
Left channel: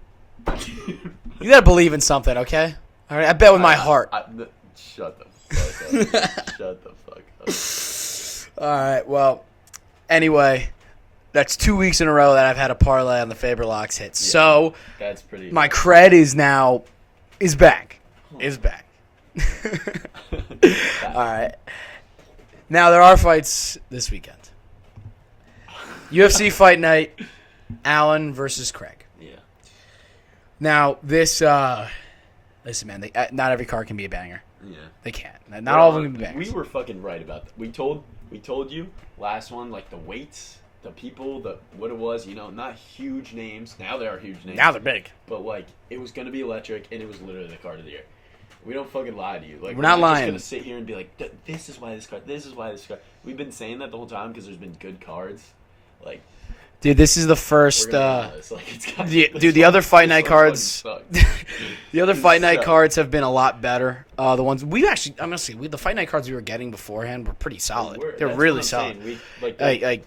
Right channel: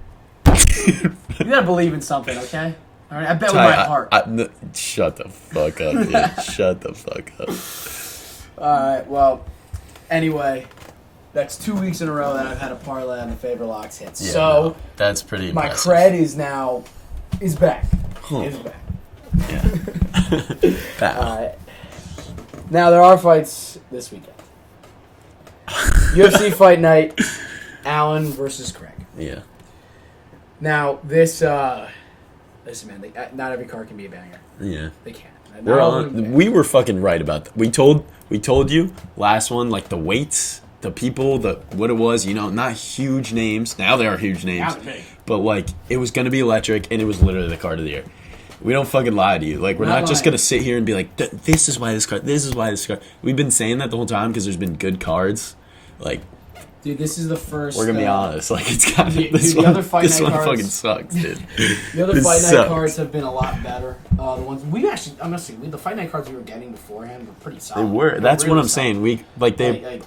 You gotta believe in something, okay? All right, I bet with my heart. Shut the fuck up, dude. Shut the fuck up. All right, well, anyway, that's 2 weeks in a row that I've had a parlay on the Faber locks hit. Yeah, so that's pretty my impressive. cred is back. Is back. Yeah. All right. Now, there are fights this weekend. UFC Fight Night, Allen versus Craig. Yeah. Now, listen, man, not every card can be a banger. Yeah. They can't. Not all of them can be bangers. We were fucking right about that. We told you last one, like the weights, the people, what it was, not huge names. Now they are huge names. Now they're big. But, like, it was going to be electric, and it was literally the card of the year. We don't fucking lie to you. Like, we're not just going to sit here and be like, this is why this card. We've been saying that the whole time because there's been good cards. Like, dude, this is the first. We're going to be honest. Like, it's got the other Fight Night cards. Fucking sucks, dude. The other Fight Night cards have been a lot better. The ones we actually, I'm going to say, the Fight Night cards we were getting beforehand were pretty solid. They were. That's really what I'm saying. We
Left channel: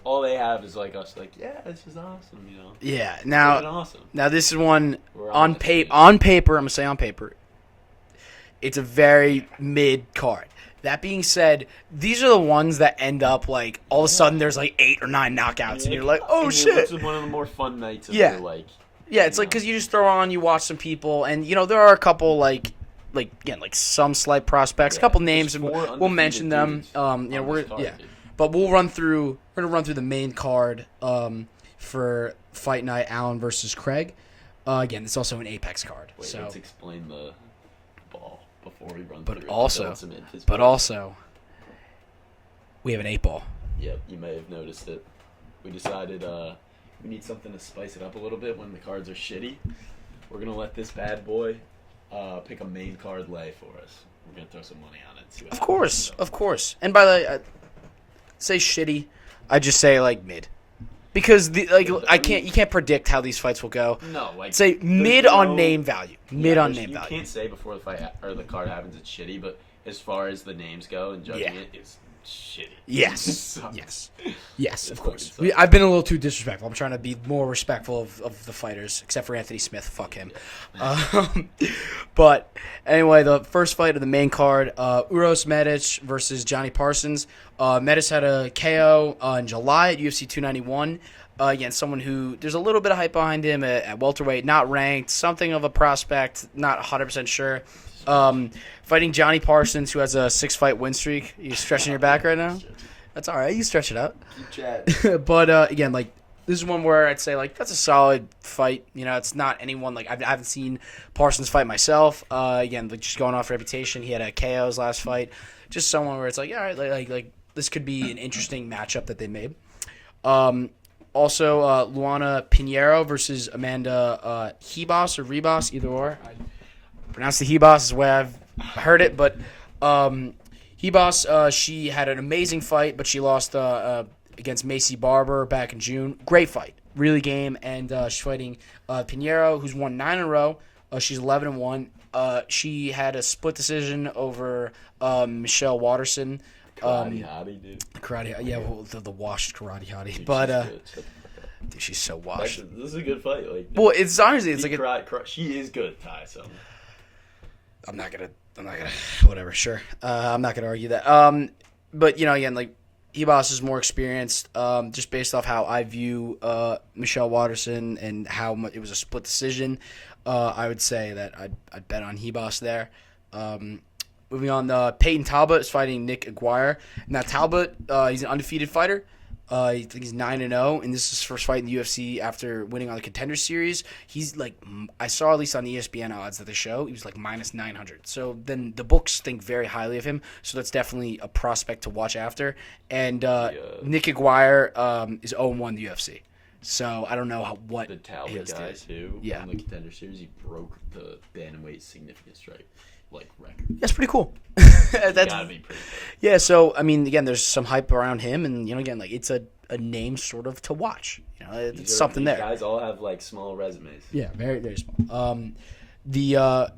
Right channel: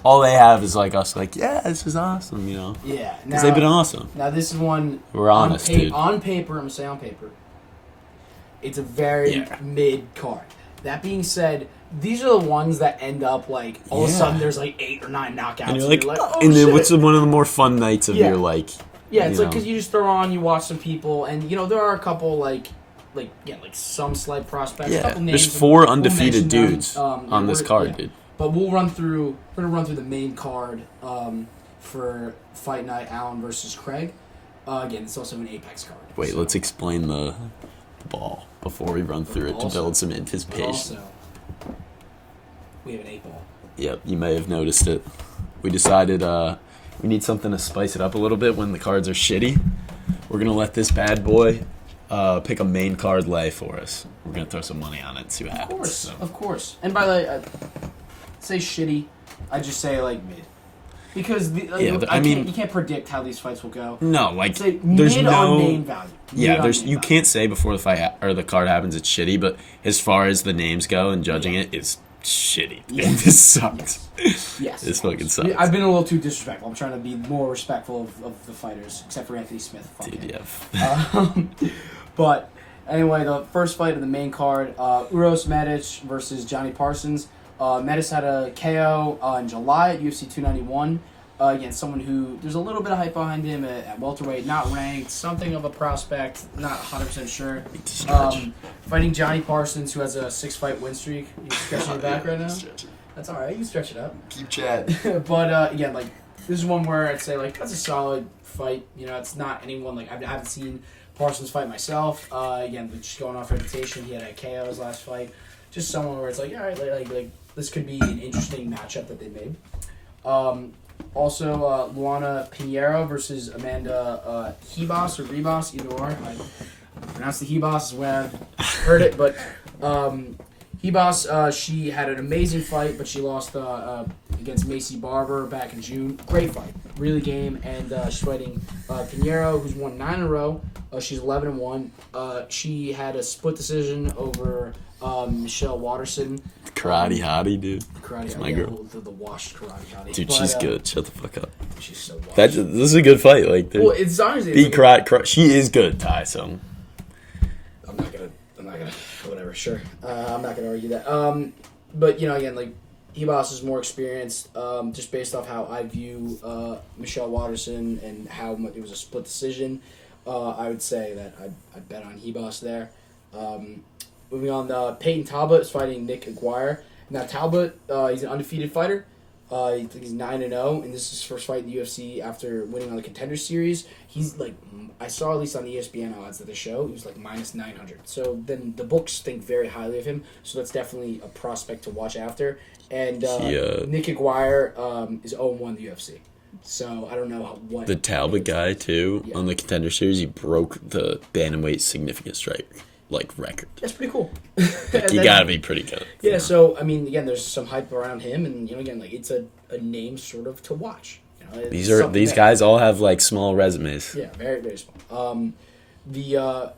all they have is like us, like, yeah, this is awesome, Yeah. Now they've been awesome. Now this is one we're honest, on paper. I'm going to say on paper. It's a very mid card. That being said, these are the ones that end up like all of a sudden there's like 8 or 9 knockouts, and you're like, oh and shit! And what's one of the more fun nights of your like? Yeah, it's like because you just throw on, you watch some people, and there are a couple like some slight prospects, a couple names. There's 4 undefeated dudes on this card, dude. But we're gonna run through the main card for Fight Night, Allen versus Craig. Again, it's also an Apex card. Wait, let's explain the ball before we run through it to build some anticipation. But also, we have an 8 ball. Yep, you may have noticed it. We decided we need something to spice it up a little bit when the cards are shitty. We're going to let this bad boy pick a main card lay for us. We're going to throw some money on it and see what happens. Of course. And by the way, say shitty, I just say like mid. Because you can't predict how these fights will go. No, like say mid on name value. You can't say before the fight or the card happens it's shitty, but as far as the names go and judging it's shitty. Yeah. This sucks. Yes. This fucking sucks. I've been a little too disrespectful. I'm trying to be more respectful of the fighters, except for Anthony Smith. Fuck him. But anyway, the first fight of the main card, Uros Medic versus Johnny Parsons. Medic had a KO in July at UFC 291 against someone who there's a little bit of hype behind him at welterweight, not ranked, something of a prospect, not 100% sure. Fighting Johnny Parsons, who has a 6-fight win streak. You stretching your back right now? That's all right. You can stretch it out. Keep chatting. But again, like this is one where I'd say like that's a solid fight. You know, it's not anyone like I haven't seen Parsons fight myself. Again, like, just going off reputation, he had a KO his last fight. Just someone where it's like, all right, like this could be an interesting matchup that they made. Also, Luana Pinheiro versus Amanda Hebos or Rebos, either or. I pronounce the Hebos is the way I've heard it, but Hebos, she had an amazing fight, but she lost against Macy Barber back in June. Great fight, really game, and she's fighting Pinheiro, who's won 9 in a row. She's 11-1. She had a split decision over Michelle Watterson. Karate hottie, dude. Karate hottie, yeah, the washed karate hottie. Dude, but, she's good. Shut the fuck up. Dude, she's so washed. This is a good fight. Like, well, it's honestly beat karate. She is good, Ty. So I'm not gonna. Whatever. Sure. I'm not gonna argue that. But you know, again, like Ebos is more experienced. Just based off how I view Michelle Watterson and how much it was a split decision. I would say that I'd bet on Hebos there. Moving on, Peyton Talbot is fighting Nick Aguirre. Now Talbot, he's an undefeated fighter. I think he's 9-0, and this is his first fight in the UFC after winning on the Contender Series. He's like, I saw at least on the ESPN odds that they show, he was like minus 900. So then the books think very highly of him. So that's definitely a prospect to watch after. And Nick Aguirre is 0-1 in the UFC. So I don't know what the Talbot guy too yeah. on the Contender Series, he broke the bantamweight significant strike record. That's pretty cool. You gotta be pretty good. Yeah. So I mean, again, there's some hype around him, and you know, again, like it's a name sort of to watch. You know, these guys all have like small resumes. Yeah, very very small. The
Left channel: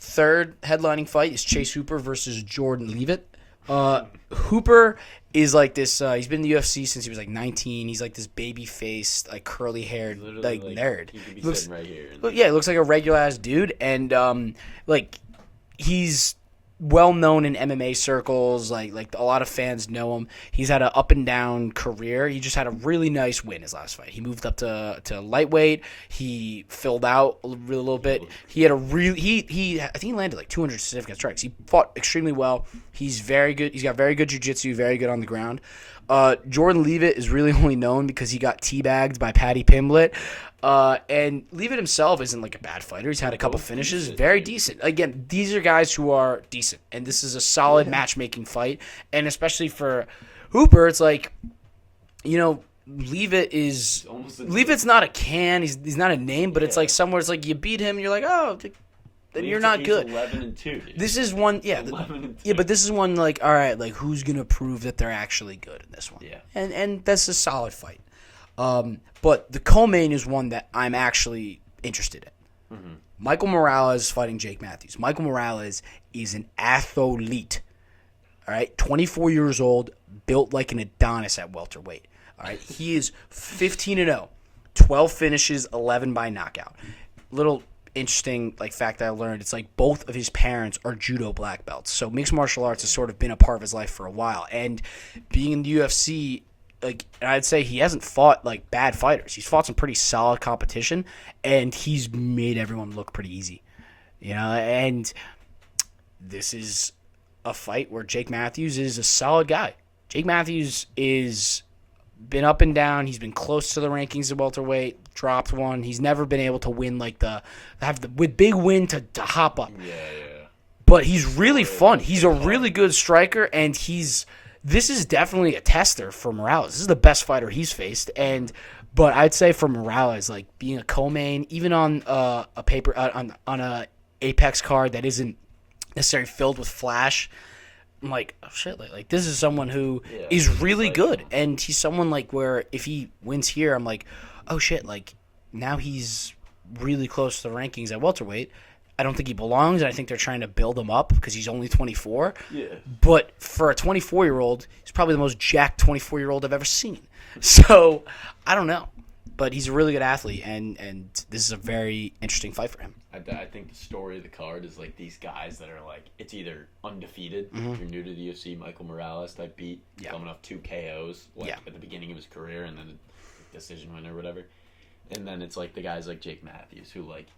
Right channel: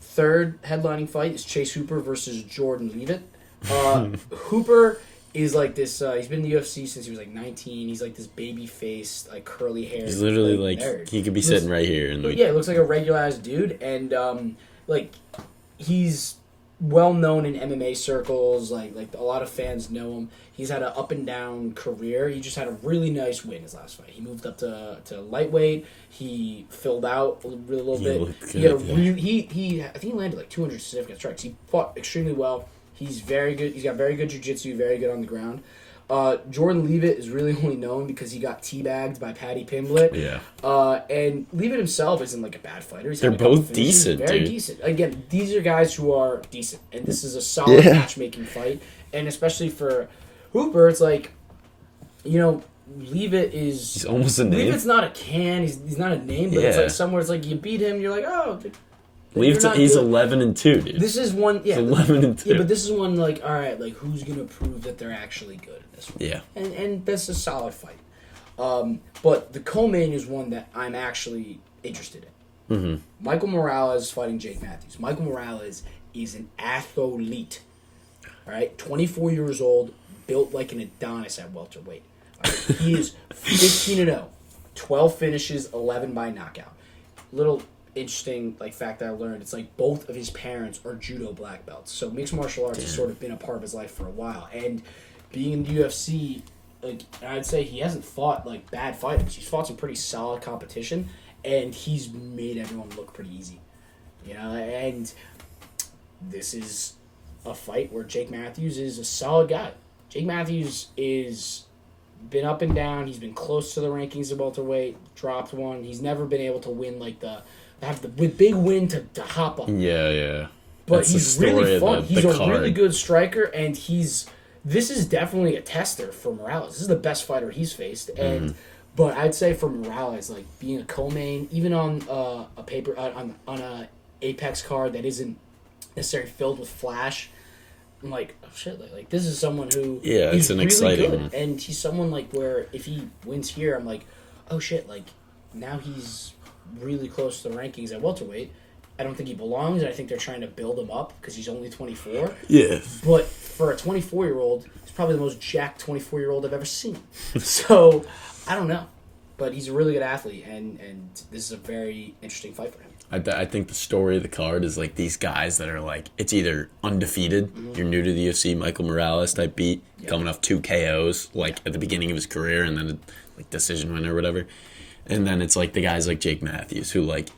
third headlining fight is Chase Hooper versus Jordan Leavitt. Hooper is like this. He's been in the UFC since he was like 19. He's like this baby faced, like curly haired. He's literally like nerd. He could be sitting right here. And yeah, he looks like a regular ass dude, and like he's well known in MMA circles. Like a lot of fans know him. He's had an up and down career. He just had a really nice win his last fight. He moved up to lightweight. He filled out a little bit. He had a really he I think he landed like 200 significant strikes. He fought extremely well. He's very good. He's got very good jiu-jitsu, very good on the ground. Jordan Leavitt is really only known because he got teabagged by Paddy Pimblett. Yeah. And Leavitt himself isn't like a bad fighter. He's had a couple finishes. Decent, very dude. decent. Again, these are guys who are decent. And this is a solid matchmaking fight. And especially for Hooper, it's like, you know, Leavitt is... He's almost a name. Leavitt's not a can. He's not a name, but it's like somewhere it's like you beat him, you're like, oh... He's 11-2, dude. This is one, yeah. 11-2. Yeah, but this is one like, all right, like who's gonna prove that they're actually good in this one? Yeah. And that's a solid fight. But the co-main is one that I'm actually interested in. Mm-hmm. Michael Morales fighting Jake Matthews. Michael Morales is an athlete. All right, 24 years old, built like an Adonis at welterweight. All right, he is 15-0, 12 finishes, 11 by knockout. Little interesting like fact that I learned, it's like both of his parents are judo black belts, so mixed martial arts has sort of been a part of his life for a while. And being in the UFC, like, and I'd say he hasn't fought like bad fighters. He's fought some pretty solid competition, and he's made everyone look pretty easy, you know. And this is a fight where Jake Matthews is a solid guy. Jake Matthews is been up and down. He's been close to the rankings at welterweight, dropped one. He's never been able to win like with big win to hop up. Yeah. But he's really fun. He's a really good striker, and this is definitely a tester for Morales. This is the best fighter he's faced, and but I'd say for Morales, like being a co-main, even on a paper on a Apex card that isn't necessarily filled with flash, I'm like, oh shit, like this is someone who is really good, and he's someone like where if he wins here, I'm like, oh shit, like now he's really close to the rankings at welterweight. I don't think he belongs, and I think they're trying to build him up because he's only 24. Yeah. But for a 24-year-old, he's probably the most jacked 24-year-old I've ever seen. So, I don't know. But he's a really good athlete, and this is a very interesting fight for him. I think the story of the card is like these guys that are like, it's either undefeated, you're new to the UFC, Michael Morales type beat, coming off 2 KOs at the beginning of his career, and then like decision winner or whatever. And then it's like the guys like Jake Matthews who like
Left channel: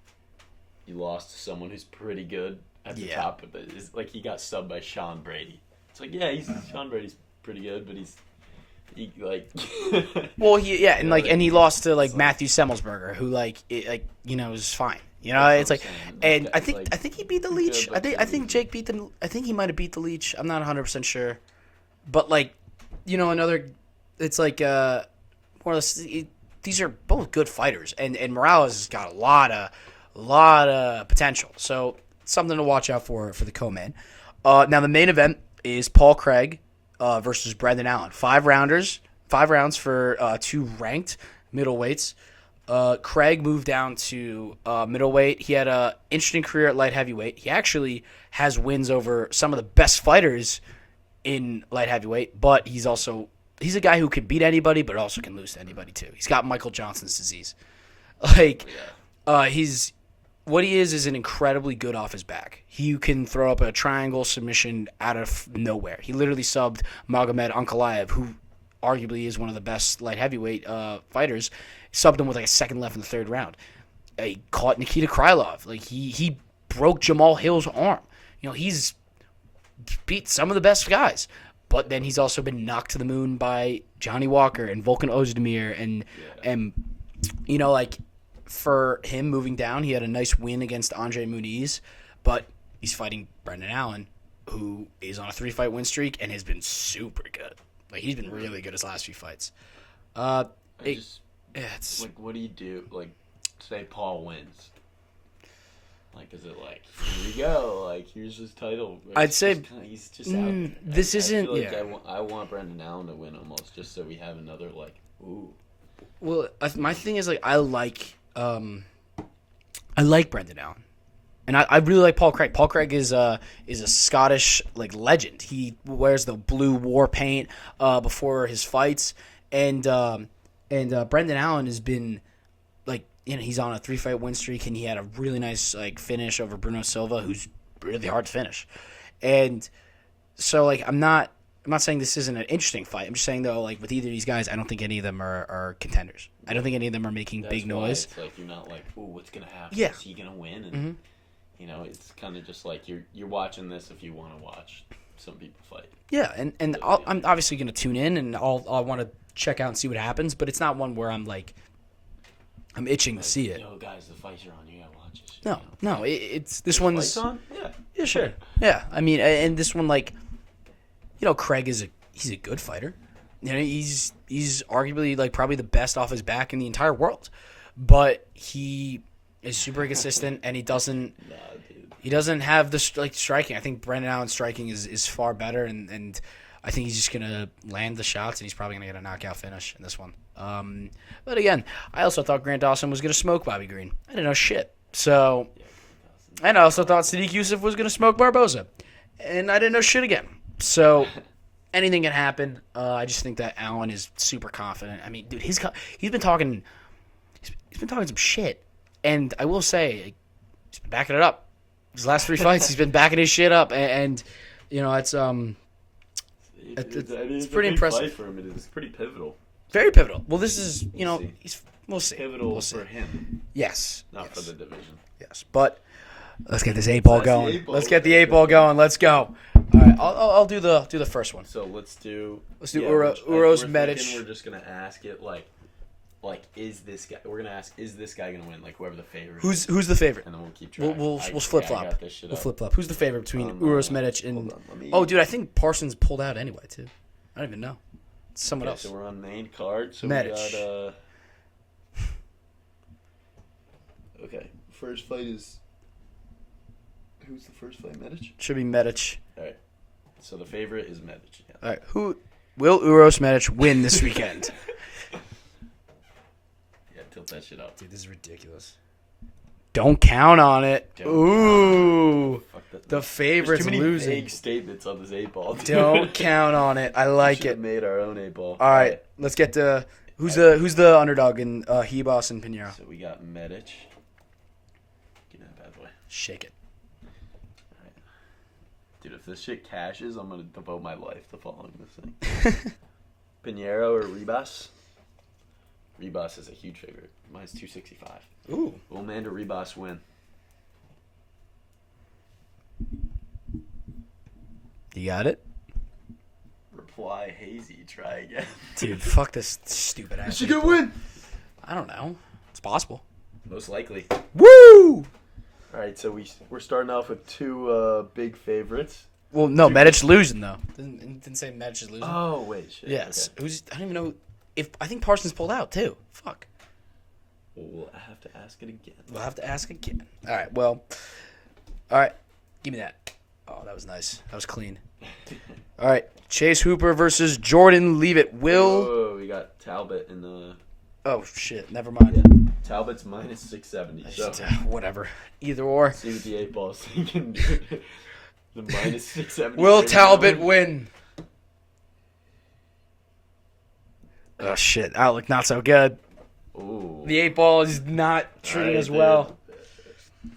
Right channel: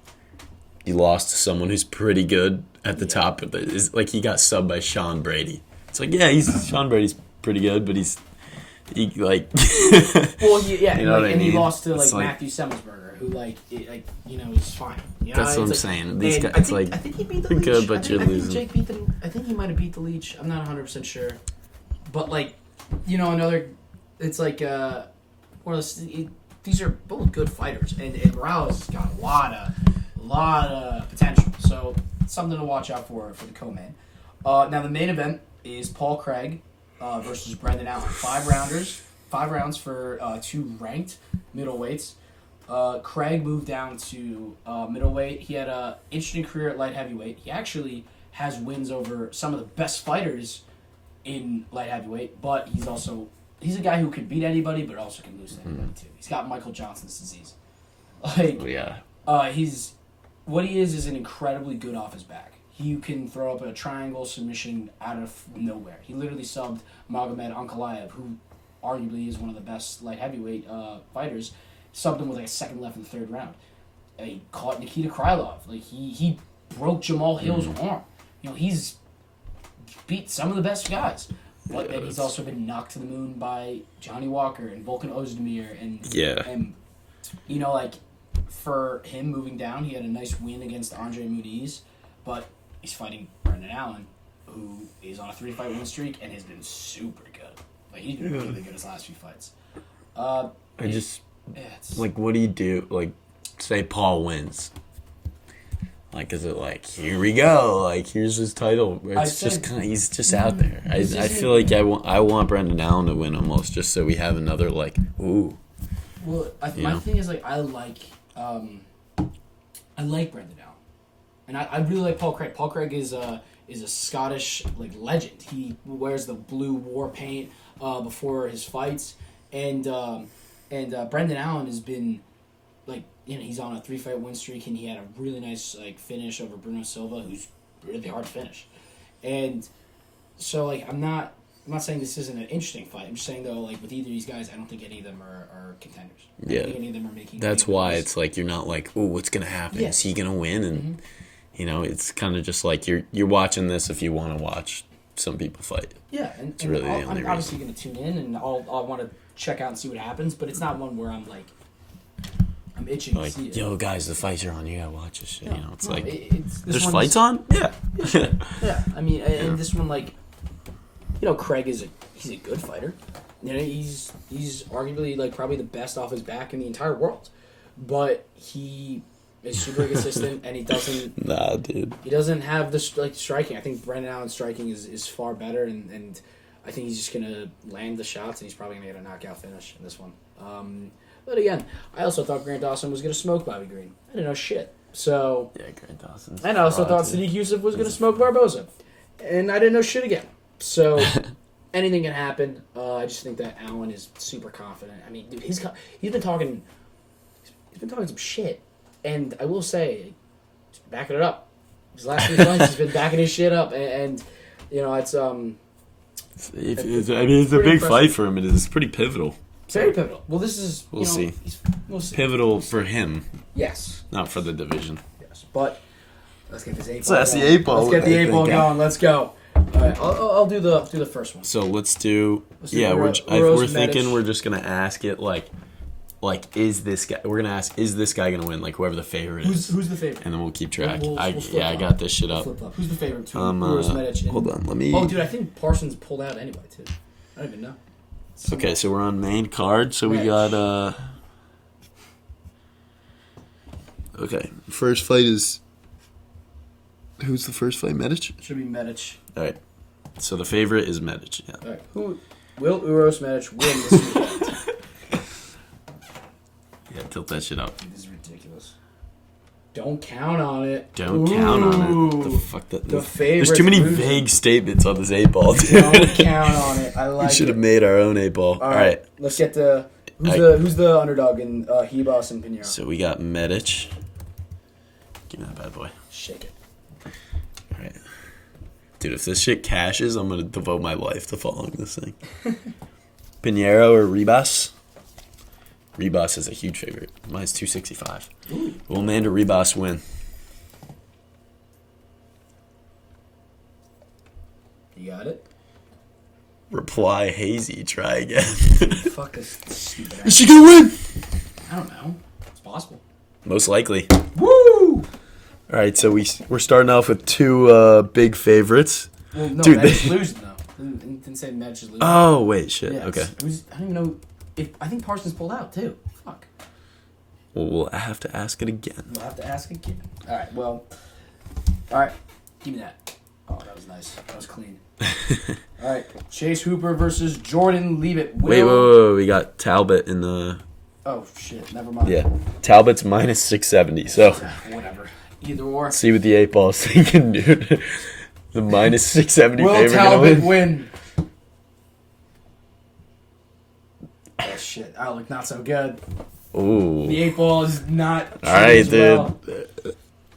you lost to someone who's pretty good at the top, but is like he got subbed by Sean Brady. It's like Sean Brady's pretty good, but he like well he lost to like like, Matthew Semmelsberger, who is fine. You know, that's it's what I'm like, saying. and I think he beat the Leech. Good, I think Jake beat the. I think he might have beat the Leech. I'm not 100% sure, but like, another. It's like one of those. These are both good fighters, and Morales has got a lot of potential. So something to watch out for the co-main. Now the main event is Paul Craig versus Brendan Allen. 5 rounds for 2 ranked middleweights. Craig moved down to middleweight. He had an interesting career at light heavyweight. He actually has wins over some of the best fighters in light heavyweight, but he's a guy who can beat anybody, but also can lose to anybody too. He's got Michael Johnson's disease. What he is an incredibly good off his back. He can throw up a triangle submission out of nowhere. He literally subbed Magomed Ankalaev, who arguably is one of the best light heavyweight fighters. Subbed him with like a second left in the 3rd round. He caught Nikita Krylov. Like he broke Jamal Hill's arm. He's beat some of the best guys. But then he's also been knocked to the moon by Johnny Walker and Volkan Ozdemir and for him moving down, he had a nice win against Andre Muniz, but he's fighting Brendan Allen, who is on a 3-fight win streak and has been super good. Like he's been really good his last few fights. What do you do? Like, say Paul wins. Like, is it like, here we go? Like, here's his title. He's just out there. I feel like I want Brendan Allen to win almost, just so we have another like, ooh. Well, my thing is like I like Brendan Allen, and I really like Paul Craig. Paul Craig is a Scottish like legend. He wears the blue war paint before his fights, and Brendan Allen has been like. He's on a 3-fight win streak, and he had a really nice like finish over Bruno Silva, who's really hard to finish. And so like I'm not saying this isn't an interesting fight. I'm just saying though, like with either of these guys, I don't think any of them are contenders. I don't think any of them are making. That's big why noise. it's like you're not like, oh, what's gonna happen? Is he gonna win? And it's kind of just like you're watching this if you want to watch some people fight. Yeah, and really I'm obviously gonna tune in, and I'll want to check out and see what happens. But it's not one where I'm like. I'm itching to see it. Yo, guys, the fights are on. You gotta watch this shit. It's this There's one. Fights on? Yeah. Sure. Yeah. I mean, and this one, like, Craig he's a good fighter. He's arguably like probably the best off his back in the entire world, but he is super inconsistent, and he doesn't. Nah, dude. He doesn't have the striking. I think Brendan Allen's striking is far better, and I think he's just gonna land the shots, and he's probably gonna get a knockout finish in this one. But again, I also thought Grant Dawson was going to smoke Bobby Green. I didn't know shit. So, yeah, Grant Dawson. And I also thought Sadiq Youssef was going to smoke Barboza. And I didn't know shit again. So, anything can happen. I just think that Allen is super confident. I mean, dude, he's been talking some shit. And I will say, he's been backing it up. His last 3 fights, he's been backing his shit up. And it's... it's a big fight for him. It's pretty pivotal. Very pivotal. Well, this is, we'll see. We'll see. Pivotal for him. Yes. Not for the division. Yes. But let's get this 8-ball going. Let's get the 8-ball going. Let's go. All right. I'll do the first one. So let's do Uros we're Medic. thinking we're just going to ask it like is this guy, we're going to ask, is this guy going to win? Like whoever the favorite is. Who's the favorite? And then we'll keep track. We'll flip-flop. I got this shit up. Flip-flop. Who's the favorite between Uros Medic and... Hold on, let me... Oh, dude, I think Parsons pulled out anyway, too. I don't even know. Okay, so we're on main card. So Medic. We got okay, first fight is who's the first fight? Medic? Should be Medic. All right. So the favorite is Medic. Yeah. All right. Who will Uros Medic win this weekend? Yeah, tilt that shit up. Dude, this is ridiculous. Don't count on it. Don't count on it. The fuck that, The favorites there's too many losing. vague statements on this 8-ball, dude. Don't count on it. I like We should it. have made our own 8-ball. All right, let's get to who's the underdog in Hebos and Pinheiro. So we got Medic. Give me that bad boy. Shake it. All right. Dude, if this shit cashes, I'm going to devote my life to following this thing. Pinheiro or Ribas? Ribas is a huge favorite. Mine's 265. Ooh. Will Amanda Ribas win? You got it? Reply hazy. Try again. Dude, fuck this stupid ass. Is she going to win? I don't know. It's possible. Most likely. Woo! All right, so we're starting off with two big favorites. Well, no, Dude. Medic's losing, though. Didn't say Medic is losing. Oh, wait, shit. Yeah, Okay. I don't even know if... I think Parsons pulled out, too. Fuck. Well, we'll have to ask it again. We'll have to ask again. All right, well... All right, give me that. Oh, that was nice. That was clean. All right, Chase Hooper versus Jordan Leavitt. Wait. We got Talbot in the... Oh, shit. Never mind. Yeah. Talbot's minus 670, so... Whatever. Either or. See what the 8-ball's thinking, dude. The minus 670 Will favorite Talbot going. win? Oh, shit. Outlook not so good. Ooh. The 8-ball is not All right, as dude. well.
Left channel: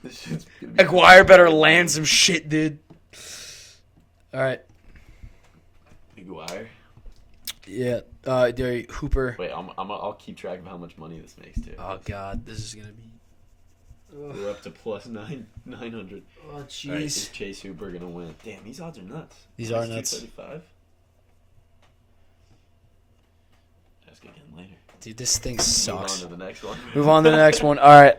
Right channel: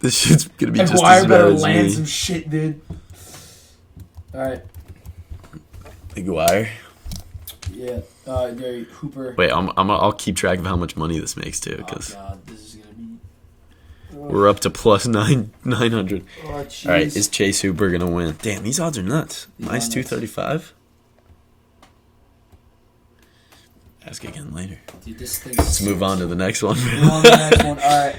This shit's going to be just McGuire as better bad as land me. some shit, dude. All right. McGuire. Yeah. Hooper. Wait, I'll keep track of how much money this makes, too, Oh, because God. This is going to be... we're up to plus 900. Oh, jeez. All right, is Chase Hooper going to win? Damn, these odds are nuts. These Minus are nuts. 235? Ask again later. Dude, this thing Let's sucks. move on to the next one. Move on to the next one. All right.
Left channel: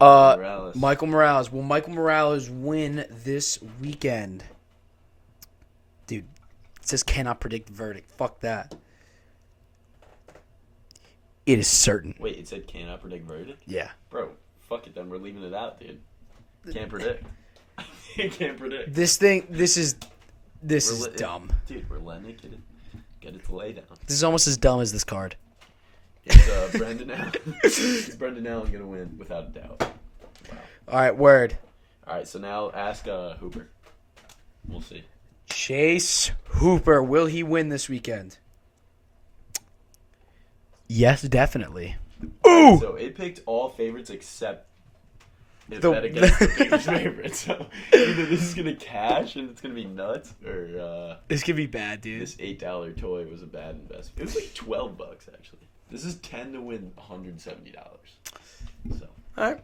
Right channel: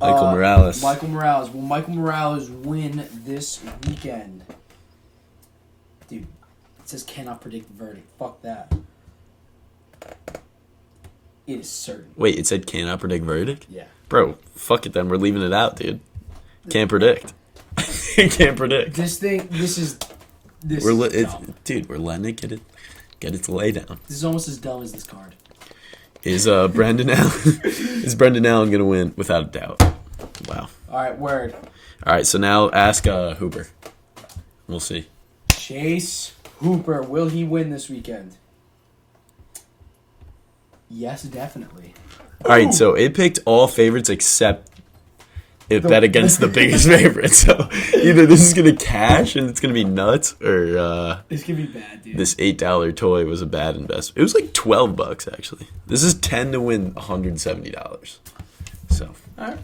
Michael Morales. Michael Morales. Will Michael Morales win this weekend? Dude, it says cannot predict the verdict. Fuck that. It is certain. Wait, it said cannot predict verdict? Yeah. Bro, fuck it then. We're leaving it out, dude. Can't predict. Can't predict. This is dumb. Dude, we're letting it get its lay down. This is almost as dumb as this card. Is Brendan Allen gonna win without a doubt? Wow. All right, word. All right, so now ask Hooper. We'll see. Chase Hooper, will he win this weekend? Yes, definitely. All right, so it picked all favorites except it bet against the biggest favorite. So either this is gonna cash and it's gonna be nuts, or This could be bad, dude. this $8 toy was a bad investment. It was like $12 actually. This is 10 to win $170. So All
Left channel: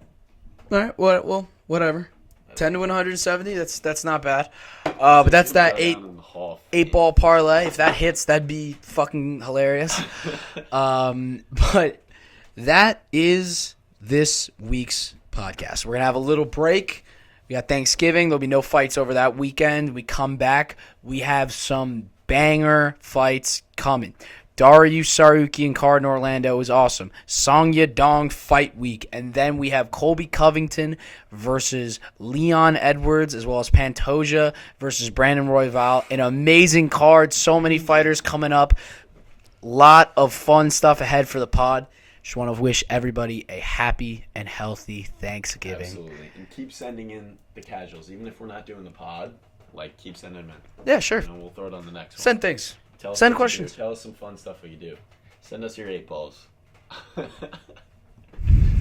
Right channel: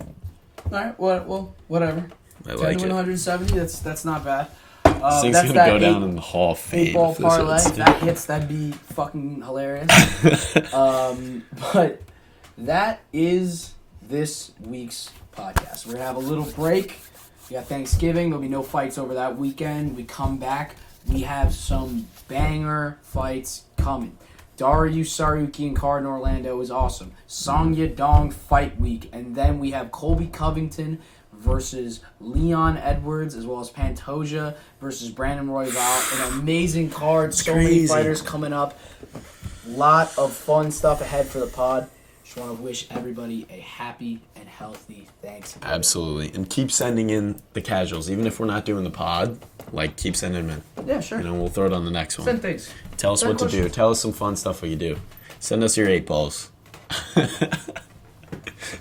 right. Well, whatever. I 10 like to win it. 170. That's not bad. This But thing's that's gonna that go down in the Hall of Fame 8-ball if this parlay. hits, If that hits, that'd be fucking hilarious. But that is this week's podcast. We're gonna have a little break. We got Thanksgiving. There'll be no fights over that weekend. We come back. We have some banger fights coming. Dario Saruki and Card in Orlando is awesome. Song Yadong fight week. And then we have Colby Covington versus Leon Edwards, as well as Pantoja versus Brandon Royval. An amazing card. So many fighters coming up. Lot of fun stuff ahead for the pod. Just want to wish everybody a happy and healthy Thanksgiving. Absolutely. And keep sending in the casuals. Even if we're not doing the pod, keep sending them in. Yeah, sure. And then we'll throw it on the next one. Send things. Tell us send what questions. to do. Tell us some fun stuff what you do. Send us your 8-balls.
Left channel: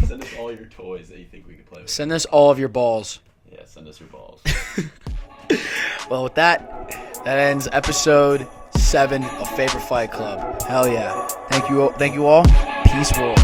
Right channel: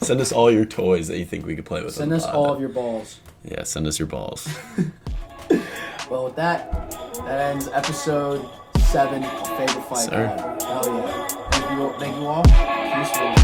Send us all your toys that you think we could play with. Send us all of your balls. Yeah, send us your balls. Well, with that ends episode 7 of Faber Fight Club. Hell yeah. Thank you all. Peace, roll.